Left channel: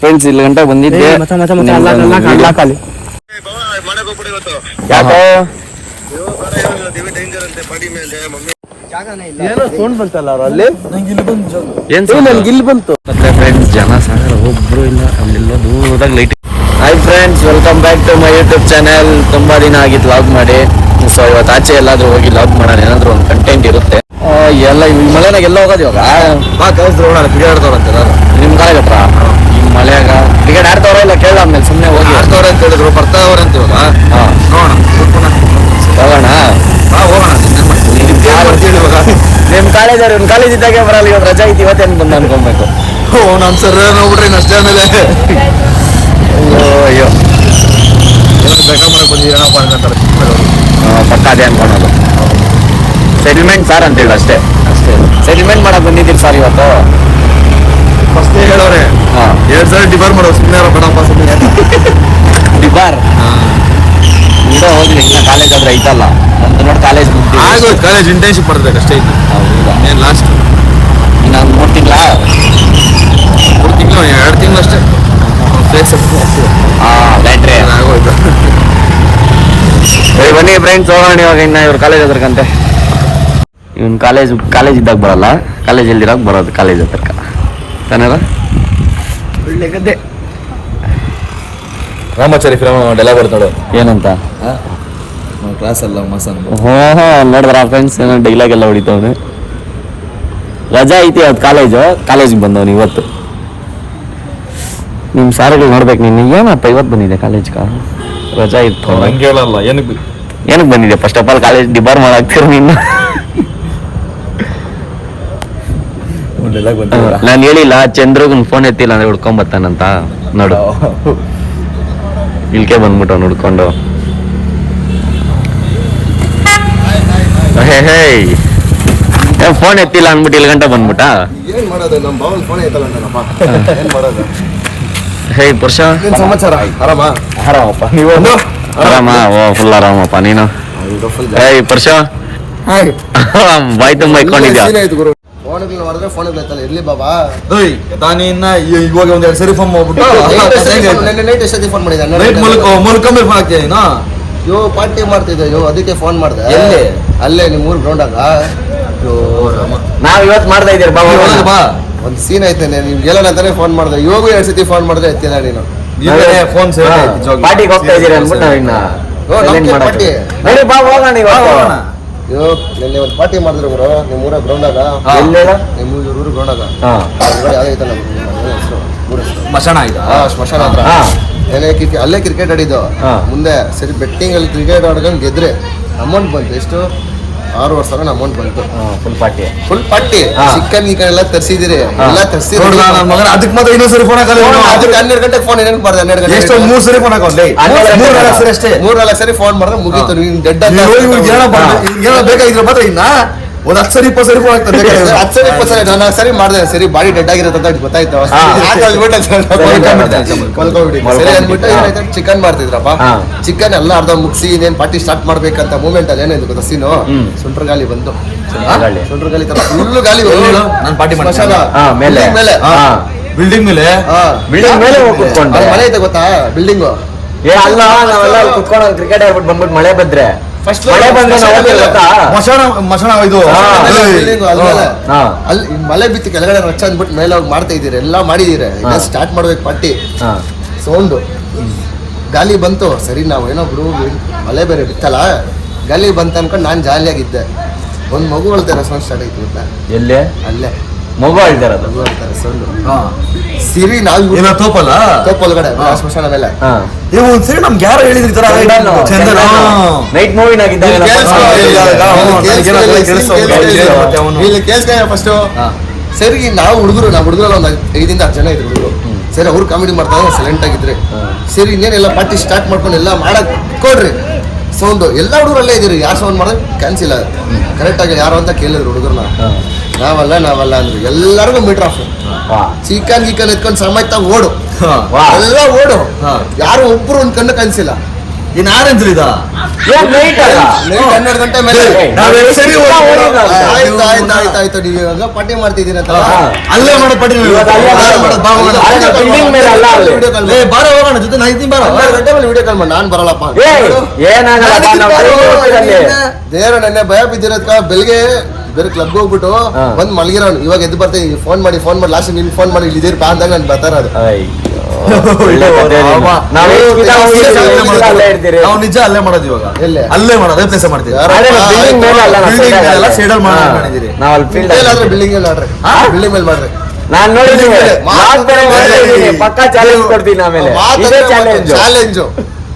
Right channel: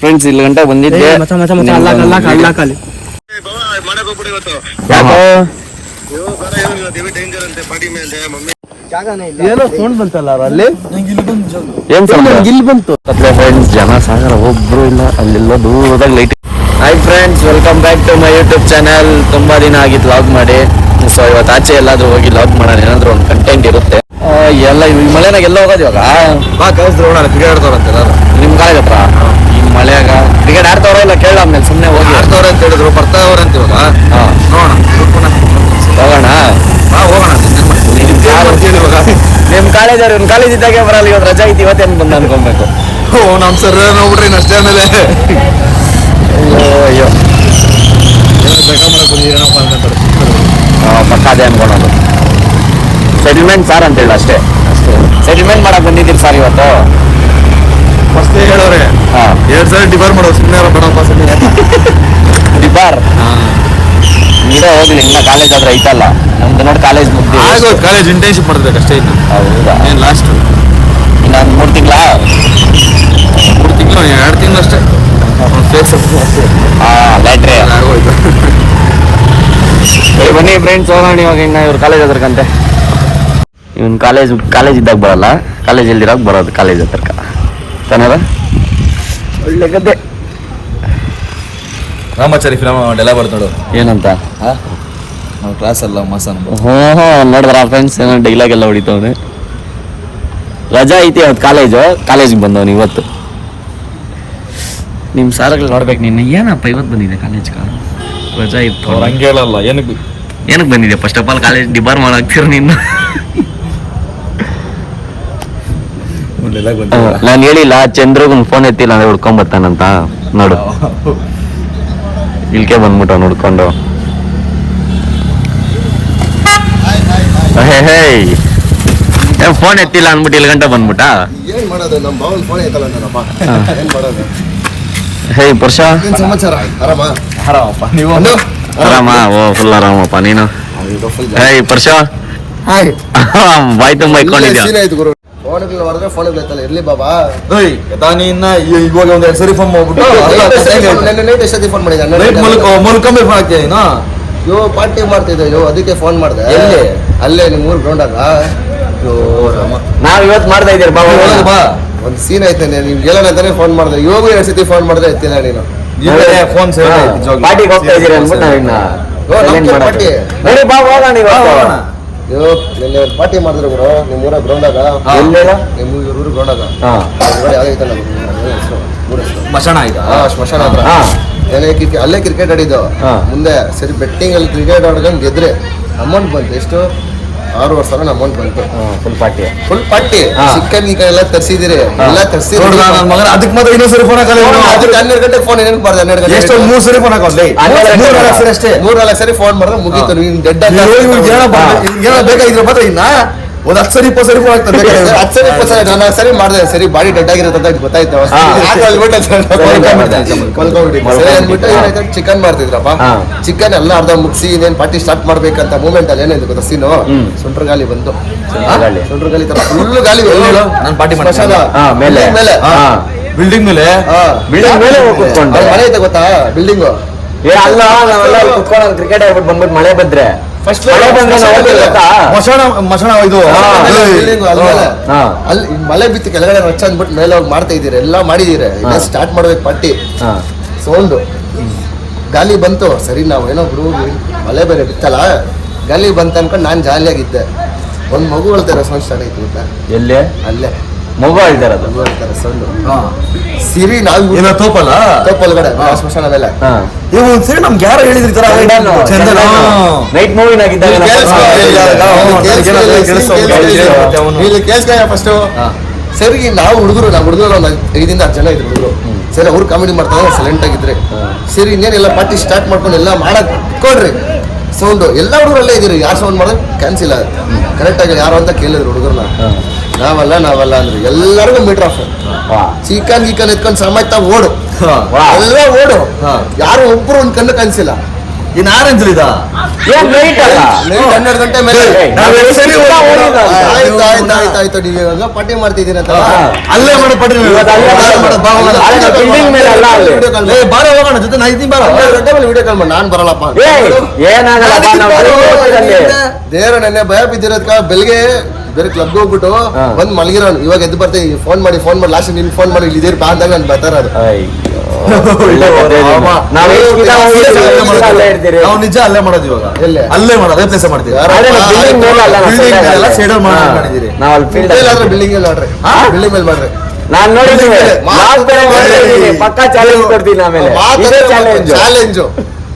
Friends ಇಲ್ಲಿ ಗಂಟೆ ಬಂದಿದ್ದೆ. ಫ್ರೆಂಡ್ಸ್ ಜನ ಸಾಗರ ಒಬ್ರು ಇಲ್ಲ, ಅಲ್ಲೆಲ್ಲ ದೂರದಾಗ light. Hi friends, welcome back to my YouTube channel. ತುಂಬಾ ದಿನ ಆಗಿತ್ತು ಲಾಗ್ ಮಾಡಿ. ಸೊ ಇವತ್ತು ಆಚೆ ಎಲ್ಲಾದ್ರೂ ಹೋಗಿ ಲಾಗ್ ಮಾಡೋಣ, ಏನಾದ್ರು ಒಂದು ಕಂಟೆಂಟ್ ಇರುತ್ತೆ. ಎಲ್ಲ ಈ ಮಳೆನಾಗ ಎಲ್ಲ ಹೋಗೋದು ಇವಾಗ ಕ್ರಿಕೆಟ್ ಆಡ್ತಾರಂತ ನಿಮ್ ಕಾಲೇಜ್ ಹತ್ರ. ಈ ಮಳೆಯಾಗ ಕ್ರಿಕೆಟ್ ಆಡ್ತಾವ್ರ ಇಲ್ಲ ಕೇಳ, ಆಮೇಲೆ ಸುಮ್ಮನೆ ಹೋಗಿ ಆಡ್ತಾವ್ರ ಅಂತ ಹೇಳಿದ್ರು, ಬರ್ತಾವ್ರ ಅಂತ ಇವಾಗ ಹೋಗೋಣ ಹೋಗೋಣ. ನಿಮ್ ಕಾಲೇಜ್ ಅವ್ರು ಕಾಲೇಜ್ ಇದ್ದಾಗೆ ಬರಲ್ಲ, ಇವತ್ತು ರಜಾ ಐತಿ, ಇವತ್ತೇನು ಬಂದ ಅನ್ಕೊಬೇಕು. ನಮ್ ಸರ್ ನೋಡ್ಬಿಟ್ರಿ ಅಷ್ಟೇ. ಆಮೇಲೆ ಅಯ್ಯೋ ಪಕ್ಕ ಅದೇ ಅನ್ಕೊಳೋದು. ಸೆಟಲ್ಮೆಂಟ್ ಸಾರ್ ಅಂತೇಳಿ ಅಷ್ಟೇ. ಸೆಟಲ್ಮೆಂಟ್ ಮಾಡಕ್ ಬಂದಿದ್ದೀರಿ ಸರ್ ಇವತ್ತು. ಫಸ್ಟ್ ಹೇಳೋರೆ 2 ಸಲ ಡಿಬಾರ್ ಮಾಡೋ, ಸುಮ್ಮನೆ ಬೇಡಪ್ಪ ಸುಮ್ಮನೆ ಡಿಬಾರ್ ಇಡೋ ಹೋಗ್ಲಿ. ಇನ್ನ ಕಾಲೇಜ್ ಆದ್ರೆ ಐತಲ್ಲ ನಮ್ದು ನೋಡಿ, ಕಾಲೇಜ್ ಮುಗ್ದಿ ಆಗೋದು. ಕಾಲೇಜ್ ಇಂಟರ್ನ್ಶಿಪ್ ಮಾಡ್ಬೇಕು ಅಷ್ಟೇ ಇತ್ತು. ಹೌದಾ? ಲಾಸ್ಟ್ ಇನ್ನೊಂದು 3 ತಿಂಗಳ 2 ತಿಂಗಳು ಅಷ್ಟೇ. ಲ್ಯಾಟ್ರಿ ಆಗೋಯ್ತು. ಬನ್ನಿ ಫ್ರೆಂಡ್ಸ್ ಹೋಗೋಣ ಇವಾಗ. ಇನ್ನ ಇವ್ರ ಕಾಲೇಜ್ ಹತ್ರಕ್ಕಂತೆ. ಇವನ್ ಕಾಲೇಜ್ ಇದ್ದಾಗ ಬರಲ್ಲ, ಕಾಲೇಜ್ ಎಲ್ದಿರಾಗ ಬರೋದು ಕಾಲೇಜ್ ಹತ್ರಕ್ಕ ತಾನಲ್ಲ. ಒಳ್ಳೆ ಗದ್ದೆ. ರಾಮಾಚಾರಿ ಫಿಲಮ್ ಡೈಲಾಗ್ ಬರ್ತ ನೋಡು. ಏನಂತ? ನಾವು ಕ್ಲಾಸ್ ಅಲ್ಲ ಮಸಾನ. ನೋಡಿದ್ರ ಫ್ರೆಂಡ್ಸ್ ಏನೋ ಡೈಲಾಗ್ ಎಲ್ಲ ಹೊಡಿತವನೆ. ರಜಾ ಐತಿ ಅವತ್ತು ಕಾಲೇಜಿಗೆ ಬಂದವನು ಇವತ್ತು. ನಿಮ್ ಶಾಲೆಗಳು ನೋಡ್ಬೇಕು. ನೀನು ಏನಪ್ಪ ಇವತ್ತು ಬಂದಿದೆ ಕಾಲೇಜ್ಗ? ರಜಾ ಇತ್ತು. ಹಂಗೆ ಹೇಳಲ್ಲ. ಏನಕ್ಕೆ ಬಂದಿದೆ? First of all college debar ಮಾಡಾಕ್ತಿರ ನೀನು. ನಾನು ಹೇಳಿಲ್ಲ ಚಂದ್ರಗನ್ ಫೋನ್ ಎತ್ತಿಲ್ಲ ಅಂದ್ರೆ ಹುಡ್ಕೊಂಡ್ ಬರ್ತಾನಂತ. ನೋಡು ಇಲ್ಕೆ ಬಂದ್ಬಿಟ್ಟು ಹುಡ್ಕೊಂಡು. ಫೋನ್ ಎತ್ತಿಲ್ಲ ಅಂದ್ಬಿಟ್ಟು ಇಲ್ಲಿ ಗಂಟೆ ಬಂದ್ಬಿಟ್ಟ. ಏನ್ ಮಾಡೋದು, ನಮ್ಮ ಬಾವಲ್ ಫೋನ್ ಐತಲ್ಲ ಅಂತಾನಪ್ಪ. ಏನ್ ಮಾಡೋದು? ಹೇ ಪುರುಷ, ಏನ್ ಸಮಾಚಾರ? ಆರಾಮಪ್ಪ ನೀವು? ಆರಾಮ? ಓ ಫುಲ್ ಆರಾಮಪ್ಪ ನೀನು. ಹೇ ಪುರುಷ, ಬಾಯ್ ತುಂಬ ಇಟ್ಕೊಂಡಿದ್ಯಾ? ಫೋನ್ಗಳು ಹೊಡೆದ್ರೆ ಫೋನ್ ಬೈತಲ್ಲ. ಇರ್ಲಿ ಬಾಬಾ. ಇವಾಗ ಒಂದ್ 2 ಸರಿ ಫೋನ್ ಮಾಡ್ಬಿಟ್ಟು ನೈಟ್ ಎಷ್ಟೊತ್ತಿ ಫೋನ್ ಮಾಡಿದ್ದೆ. ಯೋ ಪಾರ್ಟಿ ಮಾಡ್ತಿದ್ದೆ, ಅದಕ್ಕೆ ಫೋನ್ ಮಾಡಿದೆ. ಅಲ್ಲೇ ನಿಮ್ ಊರ್ ಗ್ರೌಂಡಾಗ ನಾವ್ ಇವತ್ತು ಮಾಡ್ತಾ ಇದ್ದೀರಿ ಬಾ. ಒಂದ್ ಸೀನ್ ಐತೆ, ನೀವ್ ಹೇಳೋಣ ಅಂತಾನೆ ಫೋನ್ ಮಾಡಿದೆ. ಇವಾಗ 2 ಸತಿ ಫೋನ್ ಮಾಡಿದ್ರೆ ಎತ್ತಿಲ್ಲ ನೀನು. ಫೋನ್ ಪಾರ್ಟಿಗೆ ಹೋಗ್ತಾ ಇದೀರಿ ಅಂದ್ಬಿಟ್ಟು ನಾವಿನ್ನ ಬಾ ಹೋಗೋಣ ಇವಾಗ. ನಿನ್ನೆ ಒಂದು ಪಾರ್ಟಿ ಮಾಡಿದ್ರು ಗುರು ನಿಮ್ ಊರ ಗ್ರೌಂಡಾಗ. ನಿಮ್ ಊರು ಗ್ರೌಂಡಾಗ ಸ್ಮಶಾನ ಆಯ್ತಾ? ಸ್ಮಶಾನ ಹತ್ರ ಅಲ್ಲೇ ಕ್ರಿಕೆಟ್ ಆಡಿದ್ದು. ಮುಂದೆ ಸರಿ ಬೆಟ್ಟಿಂಗ್ ಅಲ್ಲಿ ಕ್ರಿಕೆಟ್ ಆಡ್ಕೊಂಡು ಗೆದ್ರೆ ಅಮೌಂಟ್ ಬಂತು. ಎಷ್ಟು? 6,000 ಅಮೌಂಟ್ ಬಂತು. ಫುಲ್ ಪಾರ್ಟಿ ಚಿಕನ್ ಗಿಕನ್ ಎಲ್ಲ ತರಿಸಿದಿರಿ. ಎಲ್ಲ ತರಿಸಿದ್ರಿ. ಅದಕ್ಕೆ ಮಾತ್ರ ಇನ್ನೊಂದು ಸರಿ ಫೋನ್ ಹಾಕಲ್ಲ. 12 ಗಂಟೆಗೆ ಫೋನ್ ಏನಕ್ಕೆ ಬಾರ್ದು? 12 ಗಂಟೆ ಎಷ್ಟು? 3 ಸರಿ ಫೋನ್ ಹಾಕೋಲ್ಲ. 3-4 ಸರಿ ಅಷ್ಟೇ. 3-4 ಸರಿ ಫೋನ್ ಮಾಡಿದ್ರೆ ಮುಗೀತು. ನೀನ್ ಡೆಡ್ ಬೇಕಾಗಿದ್ರೆ ಮಾತ್ರ ಇನ್ನ ಒಂದ್ 10 ಸರಿ 20 ಸರಿ ಫೋನ್ ಆಗ್ತದೆ. 10 ಸರಿ 20 ಸರಿ ನಾನು ಸರಿ ಮಾಡಿದೆ. ಸರಿ ಬಾಡಿ ಡೆಡ್ ಆಗಿರುತ್ತೆ ಅಂತ ಗೊತ್ತಾಯ್ತು. ಚಿಕನ್ ಮಾಡ್ತಿದ್ರಪ್ಪ. ಚಿಕನ್ ಎಲ್ಲ ಅರ್ಧ ಮುಗಿಸಿ ಇನ್ನೇನ್ ಪಾರ್ಟಿ ಸ್ಟಾರ್ಟ್ ಮಾಡ್ಬೇಕಂತ ಮೂಮೆಂಟ್ ಅಲ್ಲಿ ಏನಿದೆ ಗೊತ್ತಾ ಸೀನು? ಸುಂಟ್ರ ಗಾಲಿ ಬಂತು. ಸುಂಟ್ರ ಗಾಲಿ ತರ ಫುಲ್ ಗಾಲಿ. ನಾನು ಪಾರ್ಟಿ ಮೇಲೆ ಬಿಲ್ಡಿಂಗ್ ಮೇಲೆ ಮನೆ ಐತೆ ಗೊತ್ತಾ? ಬಿಲ್ಡಿಂಗ್ ಕುತ್ಕೊಂಡು ಕ್ರಿಕೆಟ್ ಆಗ್ಬಿಟ್ಟು ಬಂದ್ಬಿಟ್ಟು ಮಳೆ ಬಂದ್ರೆ ಫಸ್ಟ್ ಮಳೆ ಬಂದ್ರೆ ಮಶಾನ ಇದು ಅಲ್ಲಿ ಮಳೆ ಬಿತ್ತು ಕೆಳಗಡೆ ರಚ್ಚ ಅಂದ್ಬಿಟ್ಟು ಮೇಲೆ ಹೋಗಿ ಮಾಡ್ತಾ ಇದೀರಿ. ಎಲ್ಲ ಮಾಡಿದೀರಿ. ಸ್ಟಾರ್ಟ್ ಮಾಡ್ಬೇಕು ಪಾರ್ಟಿ. ಸೌಂಡು ಗಾಲಿ ಬಂತು. ಸರಿ ನಾವು ಏನೋ ಬಿಡು, ಮಳೆ ಬೇರೆ ಬಿತ್ತಲ್ಲ, ಗಾಲಿ ಬಂತ ಅನ್ಕೊಂಡು ನಾನು ಜಾಲಿಯಾಗಿದ್ದೆ. ಒಂದ್ ಮಗು ಹೇಳ್ತಾರೆ ಸೌಂಡ್ ಸ್ಟಾರ್ಟ್ ಆಯ್ತು ಗೊತ್ತಾ? ಎಲ್ಲೇ? ಅಲ್ಲೇ ಮಗು ಹೇಳ್ತಾರೆ ಸೌಂಡ್. ಸಿರಿ ನಾವು ತೋಪಲ್ಗಡೆ ಸ್ಮಶಾನ ಮೇಲೆ ಸರಿ ನಮ್ಗೆ ಯಾರು ಹೇಳಿದ್ರಿ ತರ ನೈಟ್ ಮೂವಿನಾಗಿದ್ದಾಗ ಕೇಳಿಸ್ಕೊಂಡ ಫಸ್ಟ್. ಸರಿ ನಾವು ಹುಡುಗರು ಒಂದು 5-10 ಜನ ಇದ್ರು ಹುಡುಗರು. ಸರಿ ಅವ್ರು ಕಾಮಿಡಿ ಮಾಡ್ತಾರೆ, ಸೈಲೆಂಟ್ ಆಗಿದ್ರೆ. ಸರಿ ಇನ್ನೇನೆಲ್ಲ ಪಾರ್ಟಿ ಸ್ಟಾರ್ಟ್ ಮಾಡ್ಕೊಂಡು ಎಲ್ಲ ಮಾಡಕ್ ಕೊಡ್ರಿ. ಸೌಂಡ್ ಎಲ್ಲ ಹುಡುಗರಲ್ಲೇ ಇದ್ದೀರಿ. ಯಾರು ಸೌಂಡ್ ಮಾಡೋದು ಕ್ಯಾನ್ಸಿಲ್ ಆಗುತ್ತೆ. ಕರೆಕ್ಟ್ ಆಗಿ ಯಾರು ಅಂತ ಕೇಳಿದ್ರು ಹುಡುಗರನ್ನ. ನಾವಲ್ಲ ಅಂದ್ರು. ಎಲ್ಲರಿಗೂ ಮೀಟರ್ ಆಫ್. ಚಿಕನ್ ಎತ್ಕೊಂಡು ಸಮೇತ ಓಡು. ಎಲ್ಲ ಓಡು. ಯಾರು ಒಬ್ರು ಒಂದ್ ಕಣ್ಣು ಕಾಣಿಸಿಲ್ಲ. ಇನ್ ಆರೆಂಜ್ ಇದ ಏನ್ ನೈಟ್ ಅಲ್ಲ ನೈಟ್ 12 ಗಂಟೆ ಮೇಲೆ ಆಯ್ತು ನೀವು ಇವಾಗ ಪಾರ್ಟಿ ಮಾಡ್ತಿದ್ದೀರ ಅಂತ ಅಲ್ಲೇ ಮಾಡೋ ಪಾರ್ಟಿ ಬಿಲ್ಡಿಂಗ್ ಮೇಲೆ ಅಲ್ಲ ಅಲ್ಲಿ ಬಾರ ಹೋಗೋಣ ಜೊತೆ ನಾ ಇದ್ದೀನಿ ಬಾರ 12 ಗಂಟೆ ಮೇಲೆ ವಿಡಿಯೋ ಕಾಲ್ ಮಾಡಿ ನಾನು ಬರಲ್ಲಪ್ಪ ದೇವ್ರ ನೆನ್ನೆ ಭಯ ಬಿದ್ದಿರೋದ್ಕ ಬೆಳಿಗ್ಗೆ ಬೇರೆ ಕ್ಲಬ್ಗೆ ಹೋಗ್ಬಿಟ್ಟು ಬಂದ್ ಮಲಗಿರೋನು ಇವಾಗ ಎದ್ದು ಬರ್ತೀನಿ ಫೋನ್ ಮಾಡಿ ಲಾಸ್ಟ್ ನಿನ್ ಫೋನ್ ಮಾಡಿ ಇಲ್ಲಿ ಬಾ ಅಂದಾಗ ನಾನು ಬರ್ತಾರ ಅದು ನಾವು ನಿಜ ಅಲ್ಲೇ ಮಾಡೋದು ಇವಾಗ ಅಲ್ಲೇ ಮಾಡೋದು ಅದೇ ಪ್ಲೇಸ್ ಮಾಡ್ತೀವಿ ಬಿಲ್ಡಿಂಗ್ ಮೇಲೆ ಮಾಡ್ರಿ ಬಿಲ್ಡಿಂಗ್ ಮೇಲೆ ಮಾಡ್ರಿ ನಾನ್ ನೋಡಿದ್ದೀನಿ ಪಕ್ಕಾ ಚಾಲೆಂಜ್ ಕೊಡ್ತೀನಿ ಆಮೇಲೆ ಚಾಲೆಂಜು